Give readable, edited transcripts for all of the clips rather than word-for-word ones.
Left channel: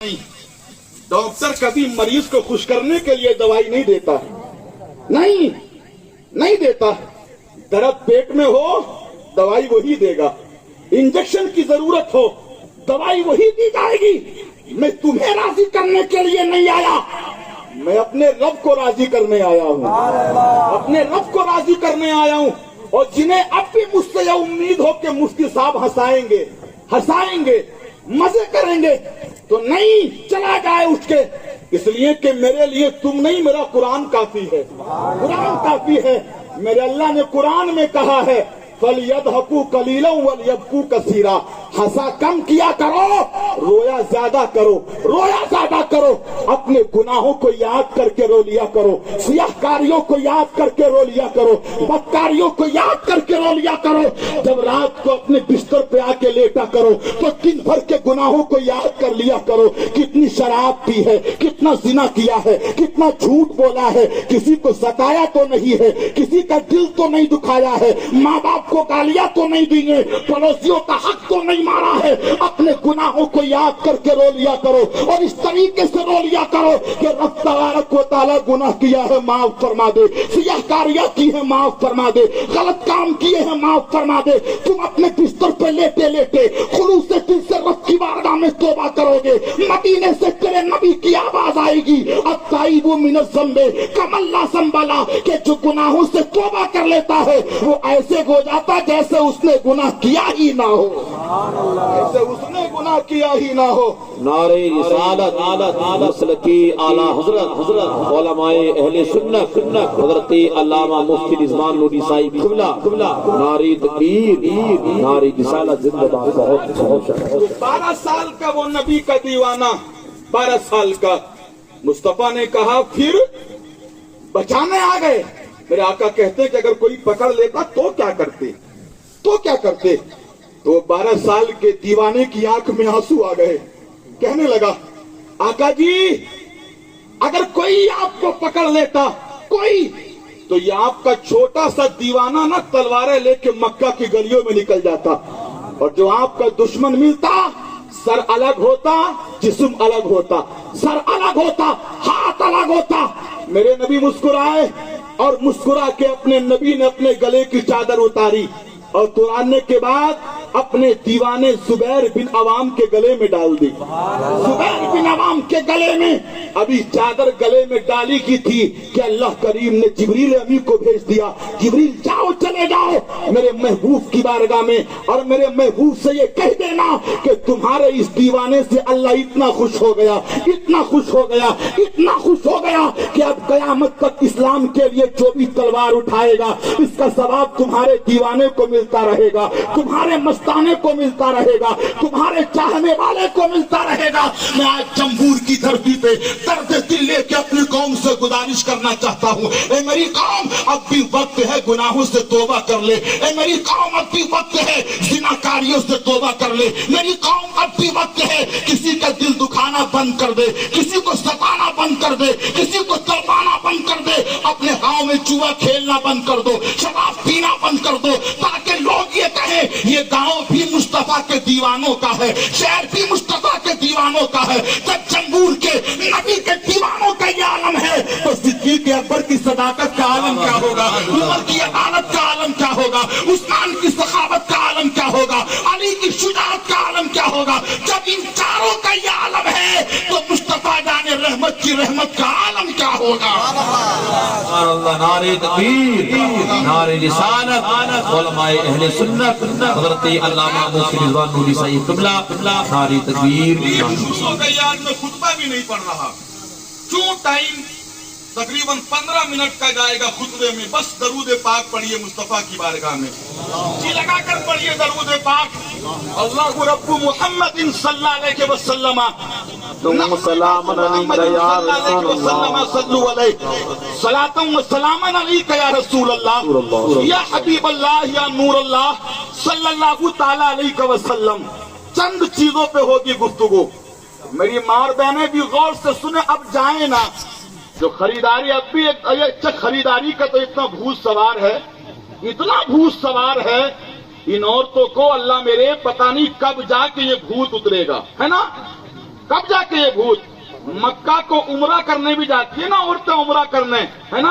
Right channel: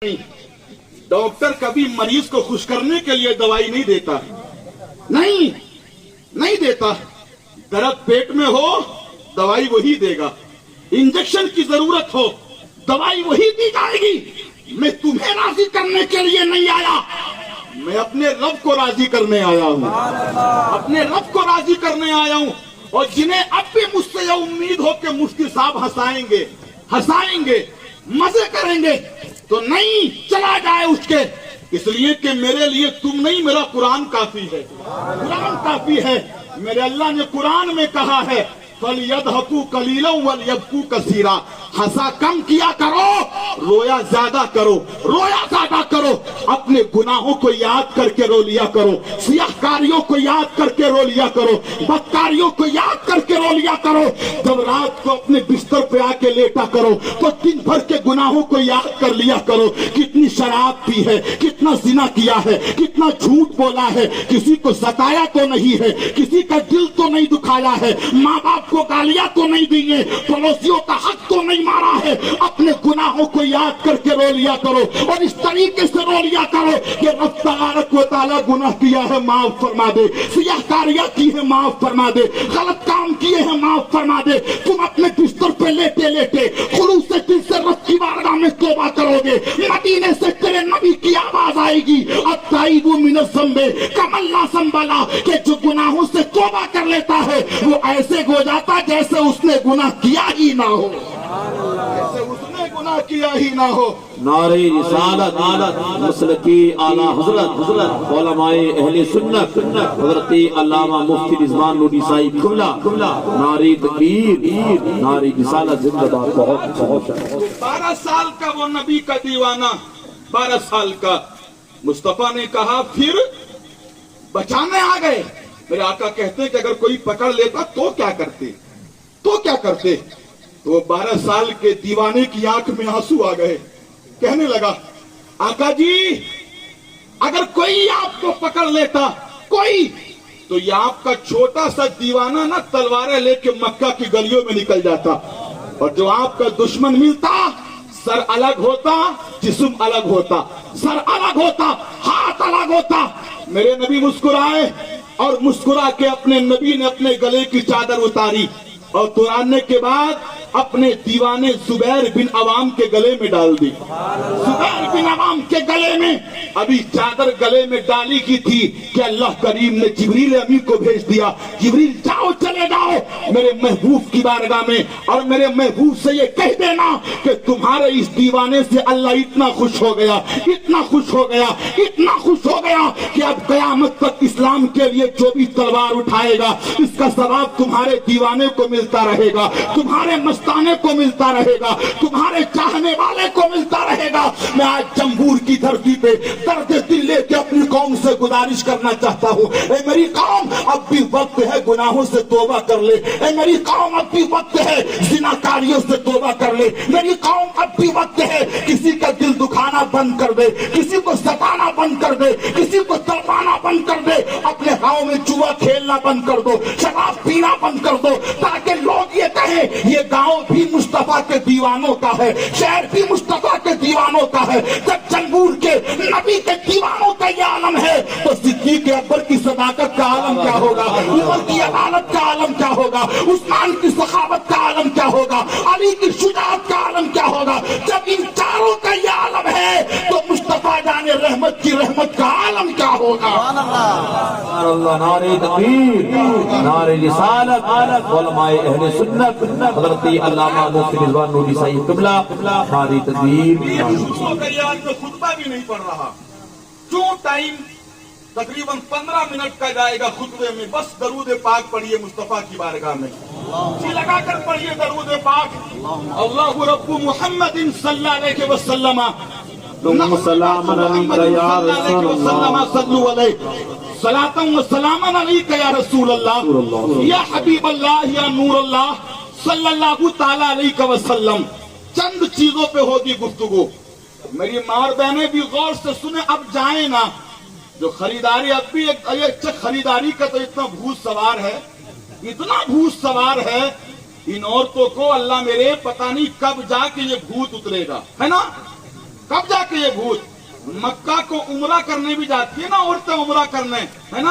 नहीं, डॉक्टर कभी मरीज को खुश करने के लिए दवाई नहीं देता, नहीं देता। दर्द पेट में हो दवाई वही देगा, इंजेक्शन की जरूरत हो दवाई वही दी जाएगी। मैं तुम्हें राजी करने के लिए नहीं आया, मैं अपने रब को राजी करने आया हूँ, अपने रब को राजी करने आया हूँ। और जिन्हें अब भी मुझसे यह उम्मीद हो कि मुफ्ती साहब हंसाएंगे मजे करेंगे, तो नहीं, चला जाए उसके। इसलिए कि मेरे लिए तुम नहीं, मेरा कुरान काफी है, कुरान काफी है। मेरे अल्लाह ने कुरान में कहा है फलयदहकू कलीलन वलयबकू कसीरा, हंसा कम किया करो, रोया ज्यादा करो। अपने गुनाहों को याद करके रो लिया करो, सियाहकारियों को याद करके रो लिया करो, बदकारियों को याद करके रो लिया करो। जब रात को अपने बिस्तर पे आके लेटा करो तो दिन भर के गुनाहों को याद कर लिया करो। कितनी शराब पी है, कितना जिना किया है, कितना झूठ बोला है, किसी को सताया तो नहीं है, किसी का दिल तो नहीं दुखाया है, माँ बाप को गालियां तो नहीं दी है, पड़ोसियों का हक तो नहीं मारा है। अपने गुनाहों को याद करके रो लिया करो और इस तरीके से रो लिया करो कि रब तबारक व तआला गुनाह किया है माफ फरमा दे, सियाहकारियां की है माफ फरमा दे, गलत काम किए हैं माफ फरमा दे। तुम अपने बिस्तर पे लेटे लेटे खुलूस से दिल से रब की बारगाह में तौबा करोगे, मदीने से तेरे नबी की आवाज आएगी अत्ताइबु मिनज़ ज़ंबे कमल्ला संबला, कि जो गुनाहों से तौबा कर लेता है वो ऐसे हो जाता जैसे उसने गुनाह किया ही ना हो, जैसे उसने गुनाह किया ही ना हो। नारे रिसालत नस्ल की आला हजरत उलमाए अहले सुन्नत हजरत अल्लामा मुफ्ती रिजवान नूरी साहिब क़िबला, नारे तकबीर, नारे रिसालत जिंदाबाद। बहुत 12 साल का वो नबी का दीवाना, 12 साल का। मुस्तफा ने कहा फिर बचाने आ गए। मेरे आका कहते हैं कि अगर कोई पकड़ लेता तो क्या करते। तो 12 साल के दीवाने की आंख में आंसू आ गए, कहने लगा आका जी अगर कोई आपको पकड़ लेता कोई, तो ये आपका छोटा सा दीवाना ना तलवारें लेके मक्का की गलियों में निकल जाता, और जो आपका दुश्मन मिलता सर अलग होता, जिस्म अलग होता, सर अलग होता, हाथ अलग होता। मेरे नबी मुस्कुराए और मुस्कुरा के अपने नबी ने अपने गले की चादर उतारी और उतारने के बाद अपने दीवाने जुबैर बिन अवाम के गले में डाल दी। जुबैर बिन अवाम के गले में अभी चादर गले में डाली की थी कि अल्लाह करीम ने जिब्रील अमीन को भेज दिया, जिब्रील जाओ चले जाओ मेरे महबूब की बारगाह में, और मेरे महबूब से ये कह देना कि तुम्हारे इस दीवाने से अल्लाह इतना खुश हो गया कि अब कयामत तक इस्लाम के लिए जो भी तलवार उठाएगा इसका सवाब तुम्हारे दीवाने को मिलता रहेगा, तुम्हारे मस्ताने को मिलता रहेगा, तुम्हारे चाहने वाले को मिलता रहेगा। मैं आज जमहूर की धरती पे दर्द दिल लेके अपनी कौम से गुजारिश करना चाहता हूँ, ए मेरी कौम अब भी वक्त है गुनाहों से तौबा कर ले, ए मेरी कौम अब भी वक्त है जिनाकारियों से तौबा कर ले, मेरी कौम अब भी वक्त है किसी का दिल दुखाना बंद कर दे, किसी को सताना बंद कर दे, किसी को तड़पाना बंद कर दे, अपने गाँव में जुआ खेलना बंद कर दो, शराब पीना बंद कर दो, ताकि लोग ये कहें ये गांव भी मुस्तफा के दीवानों का है, शहर भी मुस्तफा के दीवानों का है। जब जंगूर के नबी के दीवानों का ये आलम है तो सिद्दीक़ अकबर की सदाकत का आलम क्या होगा, उमर की अदालत का आलम क्या होगा, उस्मान की सखावत का आलम क्या होगा, अली की शुजाअत का आलम क्या होगा। जब इन चारों का ये आलम है तो मुस्तफा जाने रहमत की रहमत का आलम क्या होगा। नारे तकबीर, नारे रिसालत उलमाए अहले सुन्नत हजरत अल्लामा मुफ्ती रिजवान नूरी साहिब क़िबला, नारे तकबीर। मैं खुतबा भी नहीं पढ़ रहा, क्यों टाइम तकरीबन 15 मिनट का जाएगा खुतबे में, बस दरूद पाक पढ़िए मुस्तफा की बारगाह में, जी लगाकर पढ़िए दरूद पाक। अल्लाहु रब्बु मुहम्मदिन सल्लल्लाहु अलैहि वसल्लम सलातम व सलामन अलैका या रसूल अल्लाह या हबीब अल्लाह या नूर अल्लाह सल्लल्लाहु ताला अलैहि वसल्लम। चंद चीजों पे होगी गुफ्तगू, मेरी मार बहने भी गौर से सुने। अब जाए ना, जो खरीदारी अब भी एक खरीदारी का तो इतना भूत सवार है, इन औरतों को अल्लाह मेरे पता नहीं कब जाके ये भूत उतरेगा, है ना। कब जाके ये भूत? मक्का को उमरा करने भी जाती है ना औरतें, उमरा करने, है ना,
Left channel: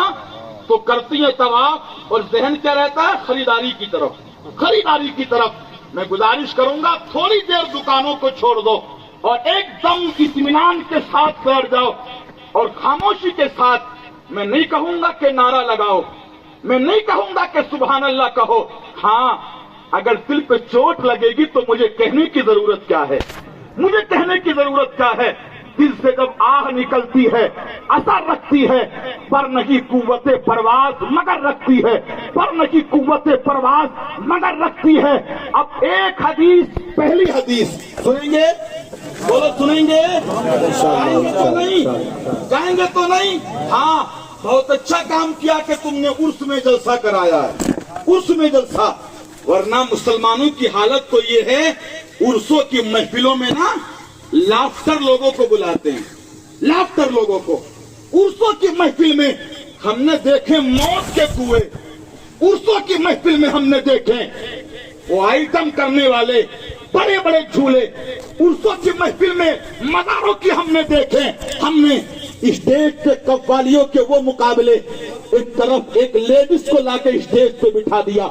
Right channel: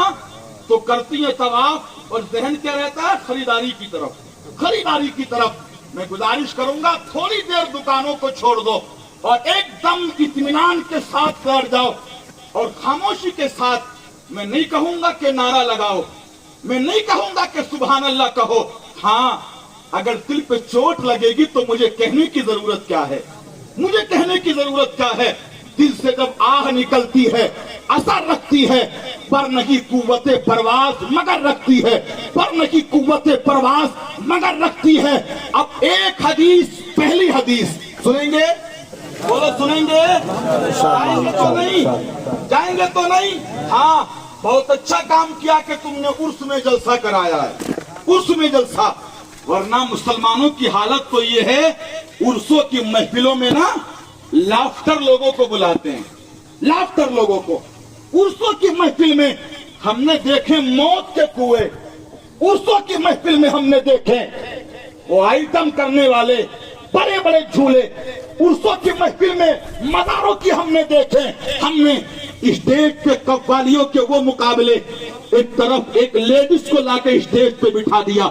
तो करती है तवाफ और जहन क्या रहता है? खरीदारी की तरफ, खरीदारी की तरफ। मैं गुजारिश करूंगा थोड़ी देर दुकानों को छोड़ दो और एकदम इत्मीनान के साथ बैठ जाओ और खामोशी के साथ। मैं नहीं कहूंगा कि नारा लगाओ, मैं नहीं कहूंगा कि सुभान अल्लाह कहो। हाँ, अगर दिल पे चोट लगेगी तो मुझे कहने की जरूरत क्या है? मुझे कहने की जरूरत क्या है? दिल से जब आह निकलती है असर रखती है, पर नहीं कुव्वते परवाज मगर रखती है, पर नहीं कुव्वते परवाज मगर रखती है। अब एक हदीस, पहली हदीस सुनेंगे, बोलो सुनेंगे? जाएंगे तो नहीं? जाएंगे तो नहीं? हाँ, बहुत अच्छा काम किया कि तुमने उर्स में जलसा कराया है, उर्स में जलसा। वरना मुसलमानों की हालत तो ये है, उर्सों की महफिलों में ना लाफ्टर लोगों को बुलाते हैं, लाफ्टर लोगों को। उर्सों की महफिल में हमने देखे मौत के कुएं, उर्सों की महफिल में हमने देखे वो आइटम करने वाले बड़े बड़े झूले, उर्सों की महफिल में मज़ारों की हमने देखे। हमने स्टेज पे कव्वालियों के वो मुकाबले, एक तरफ एक लेडीज को लाके स्टेज पे बिठा दिया,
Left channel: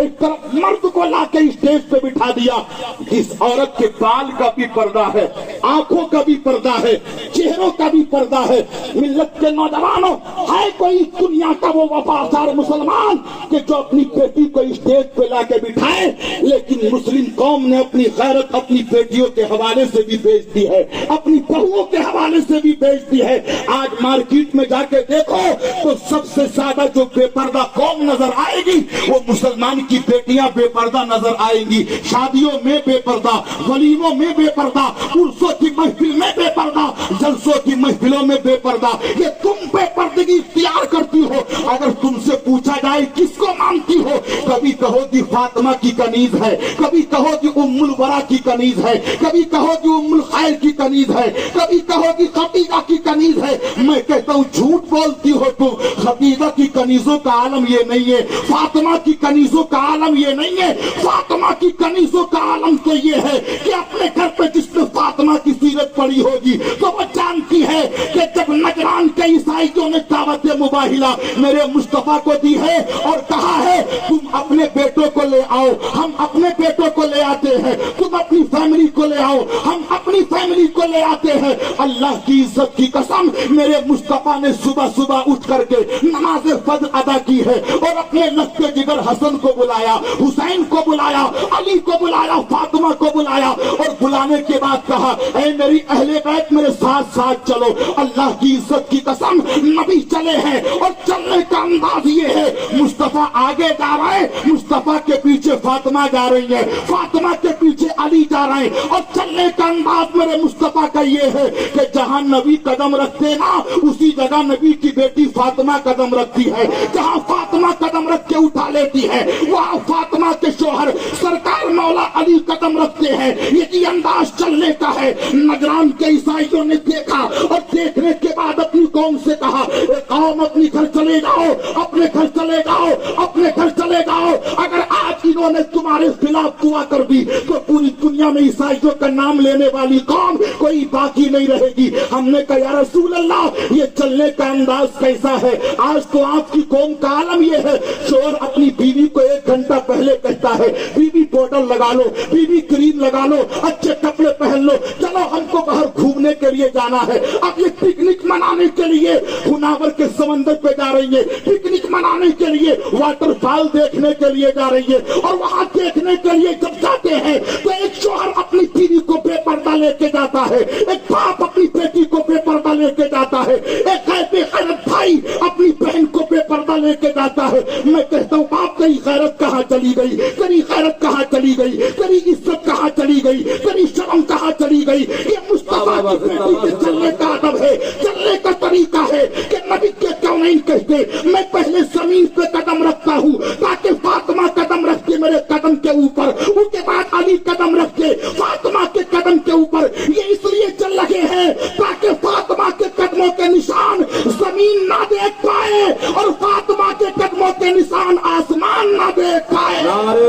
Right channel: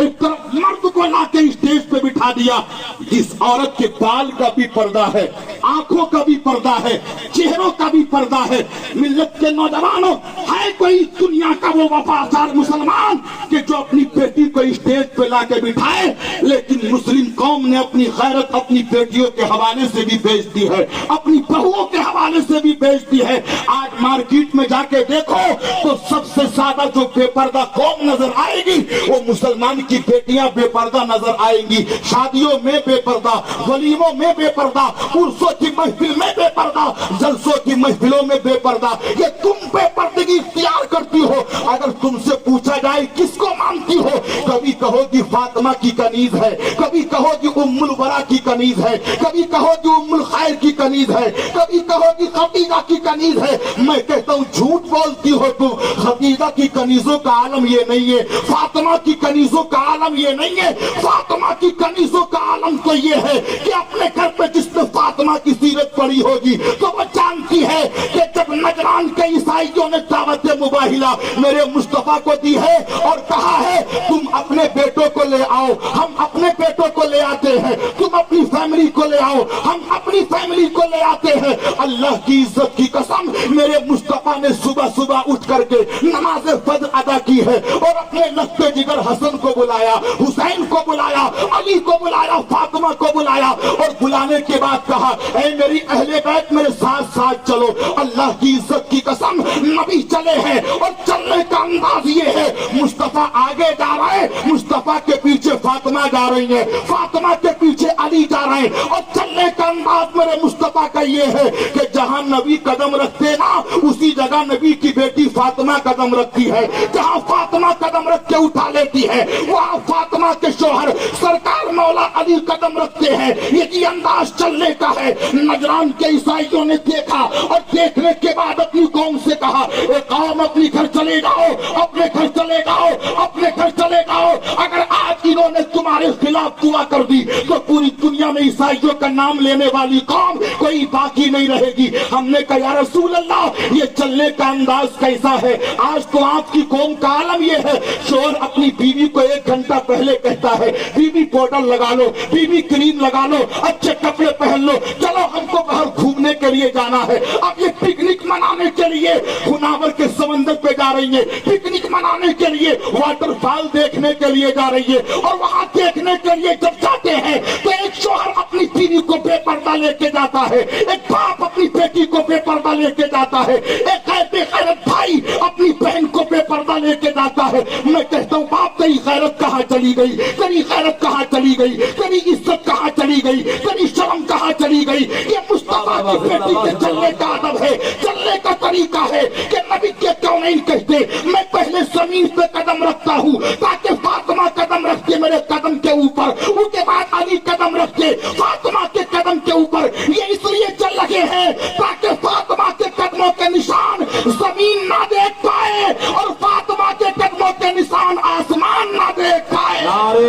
एक तरफ मर्द को लाके स्टेज पे बिठा दिया। जिस औरत के बाल का भी पर्दा है, आंखों का भी पर्दा है, चेहरों का भी पर्दा है। मिल्लत के नौजवानों, है कोई दुनिया का वो वफादार मुसलमान कि जो अपनी बेटी को स्टेज पे लाके बिठाए? लेकिन मुस्लिम कौम ने अपनी गैरत अपनी बेटियों के हवाले से भी बेच दी है, अपनी बहुओं के हवाले से भी बेच दी है। आज मार्केट में जाके देखो तो सबसे ज्यादा जो बेपर्दा कौम नजर आएगी वो मुसलमान की बेटियां बेपर्दा नजर आएंगी। शादियों में बेपर्दा, वलीमों में बेपर्दा, उर्सों की महफिल में बेपर्दा, जलसों की महफिलों में बेपर्दा। ये तुम बेपर्दगी इख्तियार करती हो। अगर तुमसे पूछा जाए किसको मानती हो, कभी कहोगी फातिमा की कनीज है, कभी कहोगी उम्मुल वरा की कनीज है, कभी कहोगी उम्मुल खैर की कनीज है, कभी कहोगी खदीजा की कनीज है। मैं कहता हूँ झूठ बोलती हो तुम। खदीजा की कनीजों का आलम ये नहीं है, फातिमा की कनीजों का आलम ये नहीं है। फातिमा की कनीजों का आलम तो ये है कि अपने घर पे जिसने फातिमा की सीरत पड़ी होगी तो वो जानती है कि जब नजरान के ईसाइयों ने दावत मुबाहिला मेरे मुस्तफा को दी है और कहा है तुम अपने बेटों को ले आओ, हम अपने बेटों को ले आते हैं, तुम अपनी फैमिली को ले आओ, हम अपनी फैमिली को ले आते हैं। अल्लाह की इज्जत की कसम, मेरे मुस्तफा ने सुबह सुबह उठ करके नमाज फज्र अदा की है और अपने लफ्ते जिगर हसन को बुलाया, हुसैन को बुलाया, अली को बुलाया, फातिमा को बुलाया और बुलाने के बाद कहा ऐ मेरी अहले बैत मेरे साथ साथ चलो। अल्लाह की इज्जत की कसम, नबी चले हैं और चलने का अंदाज ये है, मुस्तफा आगे जा रहा है, मुस्तफा के पीछे फातिमा जा रही है, फातिमा के पीछे अली जा रहे हैं और चलने का अंदाज मेरे मुस्तफा का ये है कि जहां नबी कदम रखते ना उसी जगह नबी की बेटी फातिमा कदम रखती है, जहां फातिमा कदम रख के उठा लेती है वहां फातिमा के शोहर सरकार मौला अली कदम रखते हैं। ये अंदाज चलने का है। नजरान के ईसाइयों ने देखा और देखने के बाद अपनी कौम से कहा ए कौम अपनी घर चले जाओ, अपने घर चले जाओ, अपने घर चले जाओ। अगर आज इन्होंने तुम्हारे खिलाफ दुआ कर दी तो पूरी दुनिया में ईसाइयों का नाम लेने वाली कौम कोई बाकी नहीं रहेगी। हमने कहा या रसूल अल्लाह ये चलने का अंदाज कैसा है? आज तो आपकी कौम का आलम ये है, शोहर अपनी बीवी को 1 घंटा पहले कहता है बीवी पाउडर लगा लो, बीवी क्रीम लगा लो, अच्छे कपड़े पहन लो, चलो हमको बाहर घूमने के लिए जाना है। अब ये पिकनिक मनाने के लिए खुनावर के समंदर पे जा रही है, पिकनिक मनाने के लिए वाटरफॉल देखने के लिए जा रही है और वहां देखने के लिए जब जाते हैं तो एक शोहर अपनी बीवी को बेपर्दा लेके जाता है, एक बाप अपनी बेटी को बेपर्दा लेके जाता है, एक गैरत भाई अपनी बहन को बेपर्दा लेके जाता है। मैं कहता हूँ बाप तेरी गैरत कहाँ चली गई, तेरी गैरत कहाँ चली गई, तेरी इज्जत कहाँ चली गई, तेरी शर्म कहाँ चली गई? ये मुस्तफा की बेटी के चलने का अदब है, चलने का तरीका है कि नबी के क्यों नहीं कहते मैं पहले जमीन पे कदम रखता हूँ ताकि फातिमा कदम रखते मेरे कदम के ऊपर, उसके बाद अली कदम रखते फातिमा के कदम के ऊपर। ये इसलिए चल रहे हैं ताकि फातिमा के कदमों के निशान जमीन ना देख पाए और फातिमा के कदमों के निशान आसमान ना देख पाए। नारे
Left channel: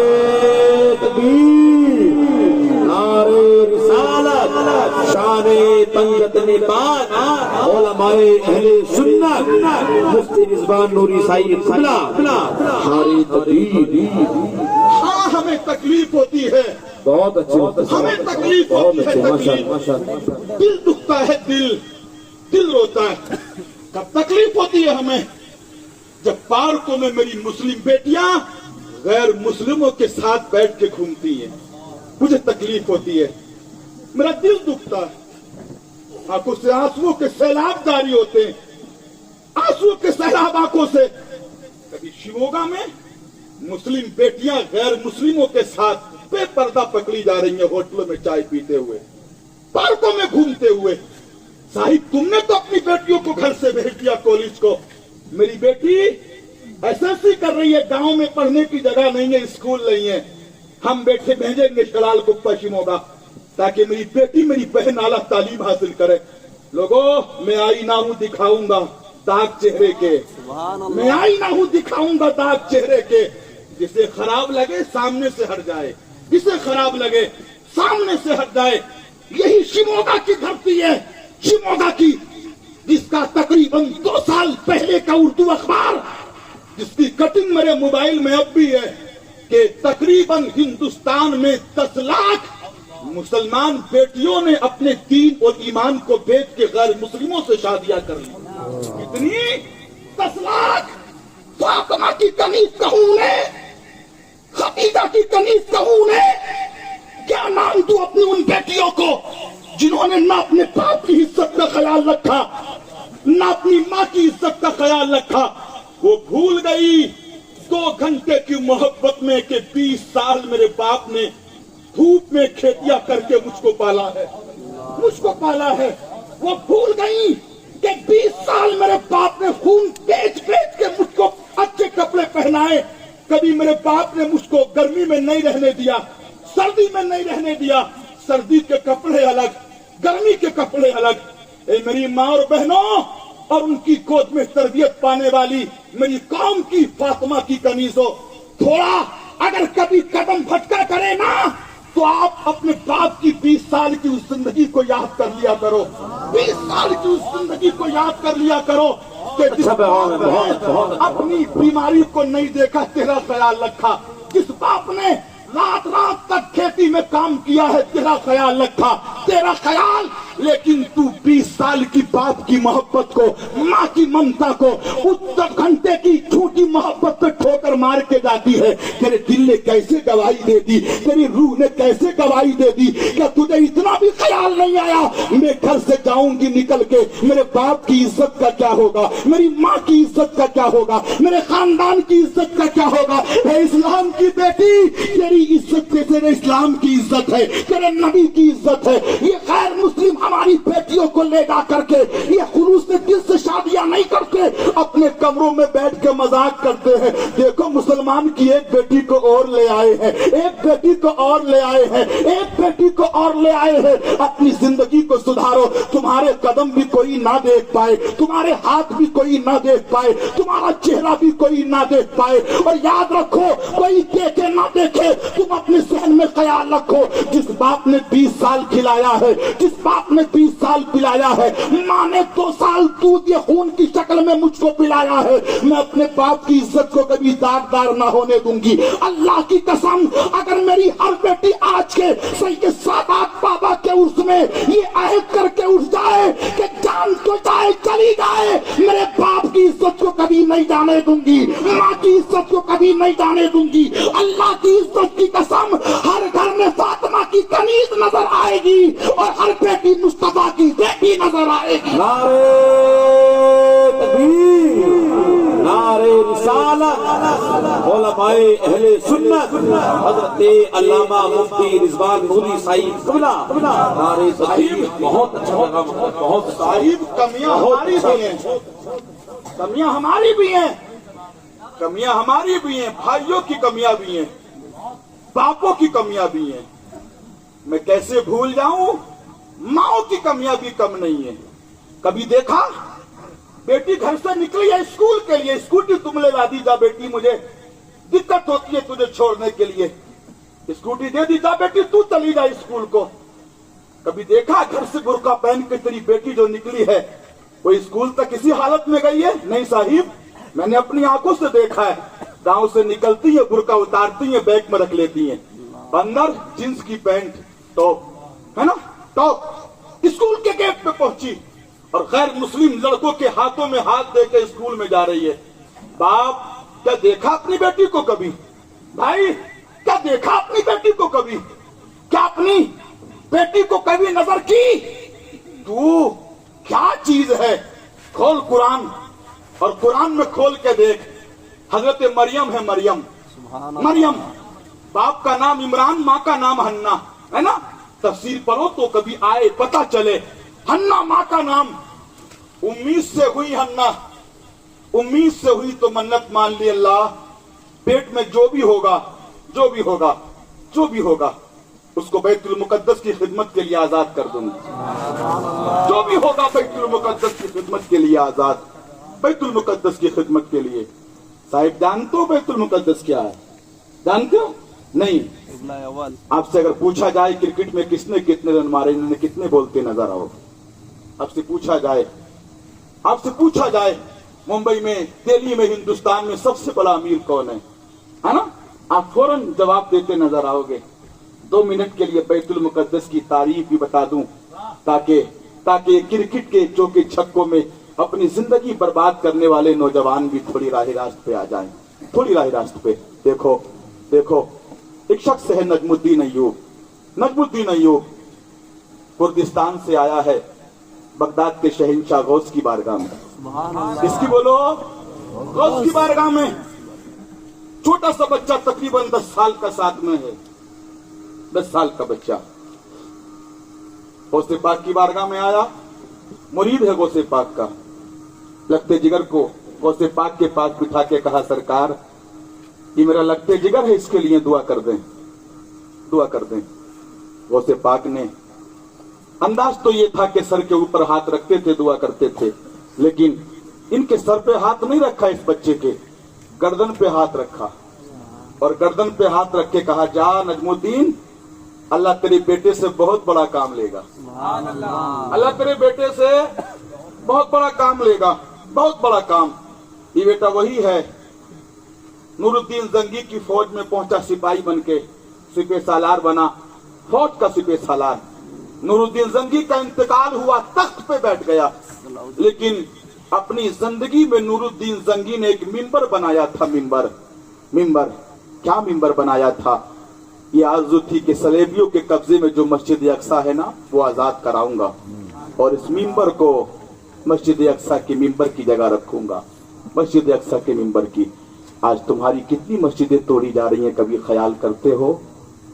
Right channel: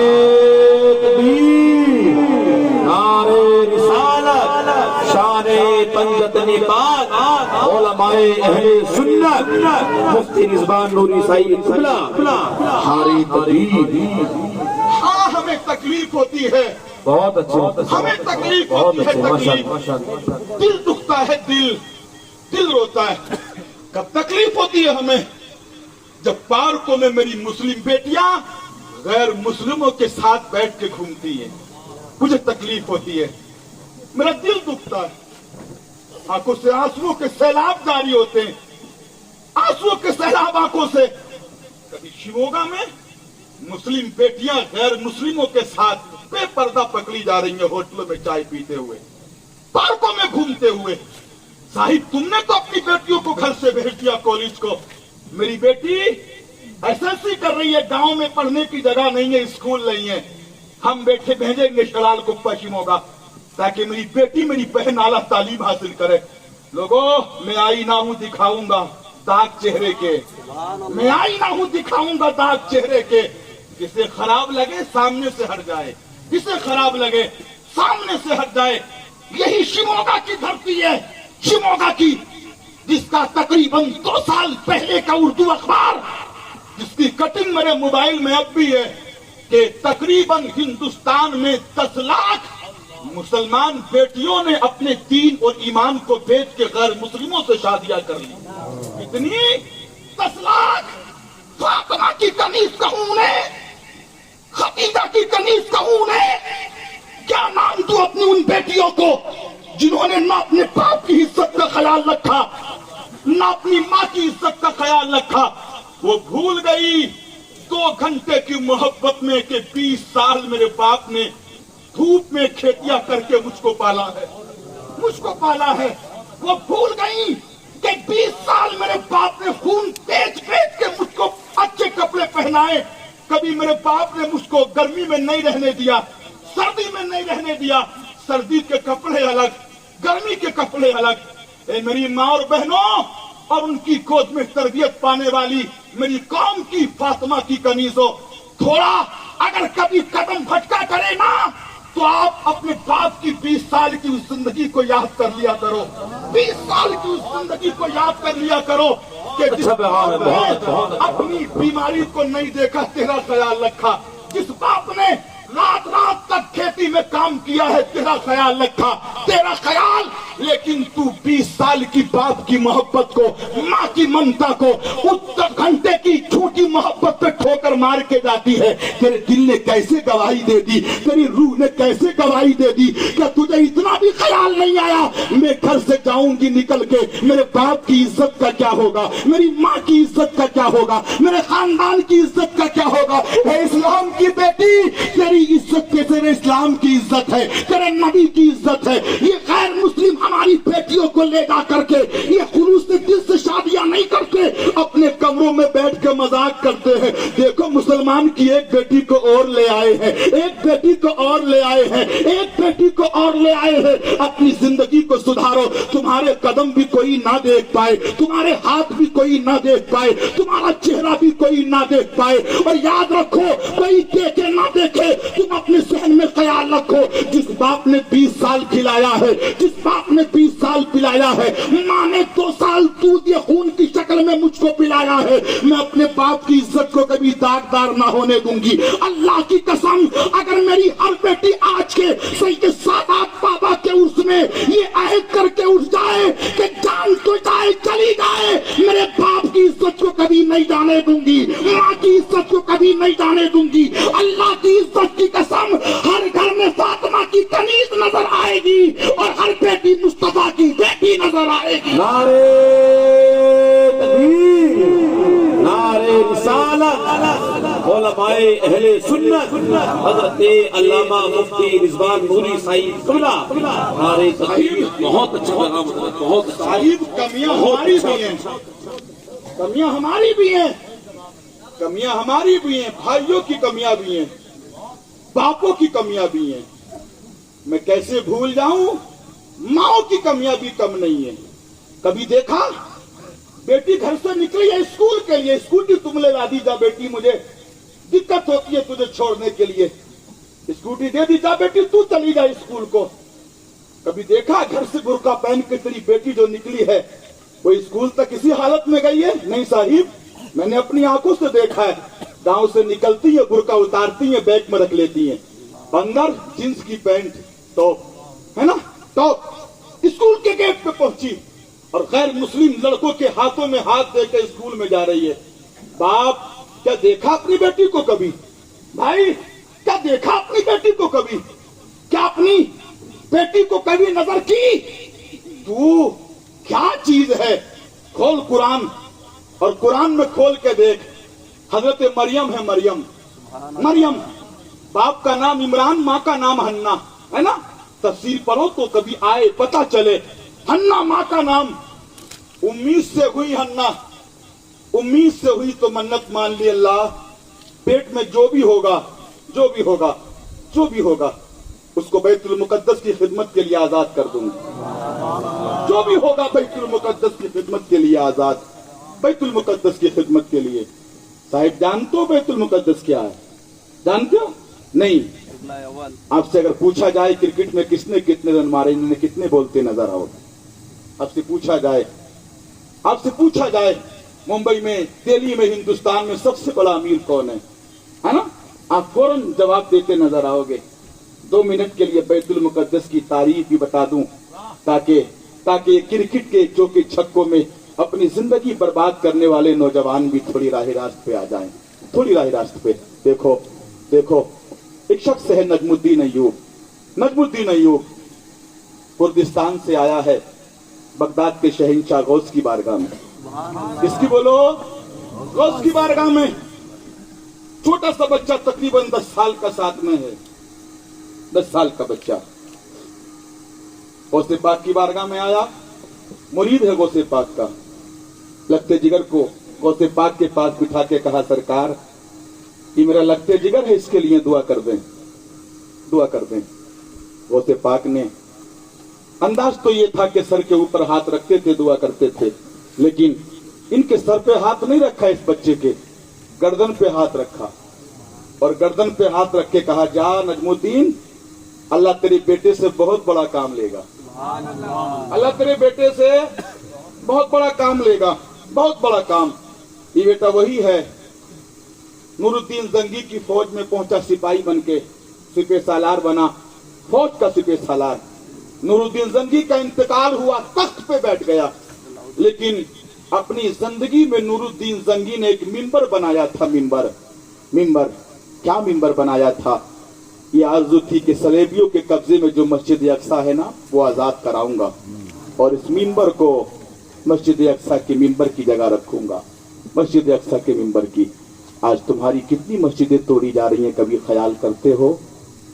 तकबीर, नारे रिसालत, शाने پاک علماء اہل سنت مفتی رضوان نوری سعید قبلہ نعرہ تکبیر۔ ہاں ہمیں تکلیف ہوتی ہے، بہت اچھے، ہمیں تکلیف ہوتی ہے، تکلیف، دل دکھتا ہے، دل روتا ہے۔ کب تکلیف ہوتی ہے ہمیں؟ جب پارکوں میں میری مسلم بیٹیاں غیر مسلموں کے ساتھ بیٹھ کے گھومتی ہیں، مجھے تکلیف ہوتی ہے، میرا دل دکھتا ہے، آنکھوں سے آنسوؤں کے سیلاب جاری ہوتے ہیں، آنسوؤں کے سیلاب آنکھوں سے۔ کبھی شیموگا میں مسلم بیٹیاں غیر مسلموں کے ساتھ بے پردہ پکڑی جا رہی ہیں، ہوٹلوں میں چائے پیتے ہوئے، پارکوں میں گھومتے ہوئے۔ صاحب تم نے تو اپنی بیٹیوں کو گھر سے بھیج دیا کالج کو، میری بیٹی ایس ایس سی کر رہی ہے، گاؤں میں پڑھنے کی جگہ نہیں ہے، اسکول نہیں ہے، ہم بیٹھے بھیجیں گے شلال کو پشیموں کا تاکہ میری بیٹی میری بہن اعلیٰ تعلیم حاصل کرے۔ لوگوں میں آئینہ ہوں دکھاؤں گا داغ چہرے کے، میں آئینہ ہوں دکھاؤں گا داغ چہرے کے، جسے خراب لگے سامنے سے ہٹ جائے، جسے خراب لگے سامنے سے ہٹ جائے۔ یہی شیموگا کی دھرتی ہے، شیموگا کی، جس کا تقریباً 2 سال پہلے کا اردو اخبار، جس کی کٹنگ میرے موبائل میں اب بھی ہے، کہ تقریباً ہندوستان میں 10 لاکھ مسلمان بیٹیوں نے اپنے دین اور ایمان کو بیچ کے غیر مسلموں سے شادیاں کر لی۔ کتنی؟ 10 لاکھ۔ فاطمہ کی کنیز کہوں انہیں، خدیجہ کی کنیز کہوں انہیں، کیا نام دوں اپنی ان بیٹیوں کو جنہوں نے نہ اپنے باپ کی عزت کا خیال رکھا، نہ اپنی ماں کی عزت کا خیال رکھا۔ وہ بھول گئی 2 گھنٹے کی محبت میں کہ 20 سال میرے باپ نے دھوپ میں کھیتیاں کر کے مجھ کو پالا ہے، مجھ کو پالا ہے۔ وہ بھول گئی کہ 20 سال میرے باپ نے خون بیچ بیچ کے مجھ کو اچھے کپڑے پہنائے۔ کبھی میرے باپ نے مجھ کو گرمی میں نہیں رہنے دیا، سردی میں نہیں رہنے دیا۔ سردی کے کپڑے الگ، گرمی کے کپڑے الگ۔ اے میری ماں اور بہنوں اور ان کی گود میں تربیت پانے والی میری قوم کی فاطمہ کی کنیزوں، تھوڑا اگر کبھی قدم پھٹکا کرے نا تو آپ اپنے باپ کی 20 سال کی اس زندگی کو یاد کر لیا کرو، 20 سال کی اس زندگی کو یاد کر لیا کرو کہ جس باپ نے اپنی بیماری کو نہیں دیکھا تیرا خیال رکھا، جس باپ نے رات رات تک کھیتی میں کام کیا ہے تیرا خیال رکھا، تیرا خیال۔ لیکن تو 20 سال کی باپ کی محبت کو، ماں کی ممتا کو اس گھنٹے کی جھوٹی محبت پہ ٹھوکر مار کے جاتی ہے۔ تیرے دل نے کیسے گواہی دے دی، تیری روح نے کیسے گواہی دے دی کہ تجھے اتنا بھی خیال نہیں آیا میں گھر سے جاؤں گی نکل کے میرے باپ کی عزت کا کیا ہوگا، میری ماں کی عزت کا کیا ہوگا، میرے خاندان کی عزت کا کیا ہوگا۔ اے اسلام کی بیٹی، تیری عزت کے تیرے اسلام کی عزت ہے، تیرے نبی کی عزت ہے۔ یہ غیر مسلم ہماری بیٹیوں کو لے جا کر کے یہ خلوص دل سے شادیاں نہیں کرتے، اپنے کمروں میں بیٹھ کے مذاق کرتے ہیں۔ دیکھو مسلمان کی ایک بیٹی کو اور لے آئے ہیں، ایک بیٹی کو اور لے آئے ہیں، ایک بیٹی کو اور لے آئے ہیں۔ اپنی زندگی کو سدھارو، تمہارے قدم بھی کوئی نہ دیکھ پائے، تمہارے ہاتھ بھی کوئی نہ دیکھ پائے، تمہارا چہرہ بھی کوئی نہ دیکھ پائے۔ اور یاد رکھو کوئی دیکھے نہ دیکھے، تم اپنے ذہن میں خیال رکھو، جس باپ نے 20 سال کھلایا ہے، جس باپ نے 20 سال پلایا ہے، ماں نے 2 سال دودھ یا خون کی شکل میں مجھ کو پلایا ہے، میں اپنے باپ کی عزت کو کبھی داغدار نہ ہونے دوں گی۔ اللہ کی قسم اگر میری ہر بیٹی آج کے سید سادات بابا کے عرس میں یہ عہد کر کے اٹھ جائے کہ جان تو جائے چلی جائے، میرے باپ کی عزت کو کبھی نہیں جانے دوں گی، ماں کی عزت کو کبھی نہیں جانے دوں گی۔ اللہ کی عزت کی قسم ہر گھر میں فاطمہ کی کنیز نظر آئے گی اور ہر بیٹی مصطفیٰ کی بیٹی نظر آئے گی۔ نعرہ تکبیر، نعرہ رسالت، علماء اہل سنت حضرت علامہ مفتی رضوان نوری سعید قبلہ نعرہ تکبیر۔ بہت اچھا لگا، بہت اچھا۔ صاحب کمیاں ہماری بھی ہیں، کمیاں ہماری بھی ہیں، کمیاں ہماری بھی ہیں، بھائیوں کی کمیاں بھی ہیں، باپوں کی کمیاں بھی ہیں۔ میں کیسے بھول جاؤں، ماں کی کمیاں بھی کم نہیں ہیں۔ کبھی دیکھا بیٹی گھر سے نکلی ہے اسکول کے لیے، اسکوٹی تم لے لا دی جا بیٹی، مجھے دقت ہوتی ہے تجھے چھوڑنے کے لیے، اسکوٹی دے دی جا بیٹی تو چلی جا اسکول کو۔ कभी देखा घर से बुर्का पहन के तेरी बेटी जो निकली है वो स्कूल तक इसी हालत में गई है? नहीं साहिब, मैंने अपनी आंखों से देखा है। गांव से निकलती है, बुर्का उतारती है, बैग में रख लेती है, अंदर जींस की पैंट, टॉप, है ना, टॉप, स्कूल के गेट पे पहुंची और गैर मुस्लिम लड़कों के हाथों में हाथ देकर स्कूल में जा रही है। बाप, क्या देखा अपनी बेटी को कभी? भाई, क्या देखा अपनी बेटी को कभी? क्या अपनी बेटी को कभी नजर की? तू क्या चीज है? खोल कुरान और कुरान में खोल के देख, हजरत मरियम है, मरियम, मरियम, बाप का नाम इमरान, माँ का नाम हन्ना, है ना? तफसीर पढ़ो तो कभी आए पता चले। हन्ना माँ का नाम, उम्मीद से हुई हन्ना, उम्मीद से हुई तो मन्नत मान ली अल्लाह, पेट में जो भी होगा, जो भी होगा, जो भी होगा, उसको बैतुल मुकद्दस की खिदमत के लिए आजाद कर दूंगा। जो भी होगा बैतुल मुकद्दस की खिदमत के लिए आजाद, बैतुल मुकद्दस की खिदमत के लिए। साहिब, जानते हो बैतुल मुकद्दस क्या है? जानते हो? नहीं। आपसे अगर पूछा जाए क्रिकेट में किसने कितने रन मारे, इन्होंने कितने बोलते नजर आओ? आपसे पूछा जाए, आपसे पूछा जाए मुंबई में, दिल्ली में, हिंदुस्तान में सबसे बड़ा अमीर कौन है ना? आप फौरन जवाब देते नजर आओगे। 2 मिनट के लिए बैतुल मुकद्दस की तारीफ भी बता दूं ताकि क्रिकेट के चौके छक्कों में अपनी जिंदगी बर्बाद करने वाले नौजवान भी थोड़ी राह रास्त पे आ जाएं, थोड़ी राह रास्त पे। देखो देखो, एक शख्स है नजमुद्दीन अय्यूब। नजमुद्दीन अय्यूब कुर्दिस्तान से आया है बगदाद के शहंशाह गौस की बारगाह में। किसकी बोलो? गौस की बारगाह में। छोटा सा बच्चा, तकरीबन 10 साल का साथ में है, 10 साल का बच्चा गौसे पाक की बारगाह में आया। मुरीद है गौसे पाक का। लगते जिगर को गौसे पाक के पास बिठा के कहा, सरकार ये मेरा लगते जिगर है, इसके लिए दुआ कर दें, दुआ कर दें। गौसे पाक ने, अंदाज तो ये था कि सर के ऊपर हाथ रखते थे, दुआ करते थे, लेकिन इनके सर पे हाथ नहीं रखा, इस बच्चे के गर्दन पे हाथ रखा और गर्दन पे हाथ रख के कहा, जा नजमुद्दीन, अल्लाह तेरे बेटे से बहुत बड़ा काम लेगा, अल्लाह तेरे बेटे से बहुत बड़ा काम लेगा, बहुत बड़ा काम। ये बेटा वही है, नूरुद्दीन जंगी की फौज में पहुंचा, सिपाही बन के सिपह सालार बना, फौज का सिपह सालार। नूरुद्दीन जंगी का इंतकाल हुआ, तख्त पे बैठ गया, लेकिन अपनी जिंदगी में नूरुद्दीन जंगी ने एक मिंबर बनाया था। मिंबर क्या मिंबर बनाया था? ये आरज़ू थी कि सलेबियों के कब्जे में जो मस्जिद अक्सा है ना, वो आजाद कराऊंगा और इस मिंबर को मस्जिद अक्सा के मिंबर की जगह रखूंगा, मस्जिद अक्सा के मिंबर की। आज तुम्हारी कितनी मस्जिदें तोड़ी जा रही हैं, कभी ख्याल करते हो?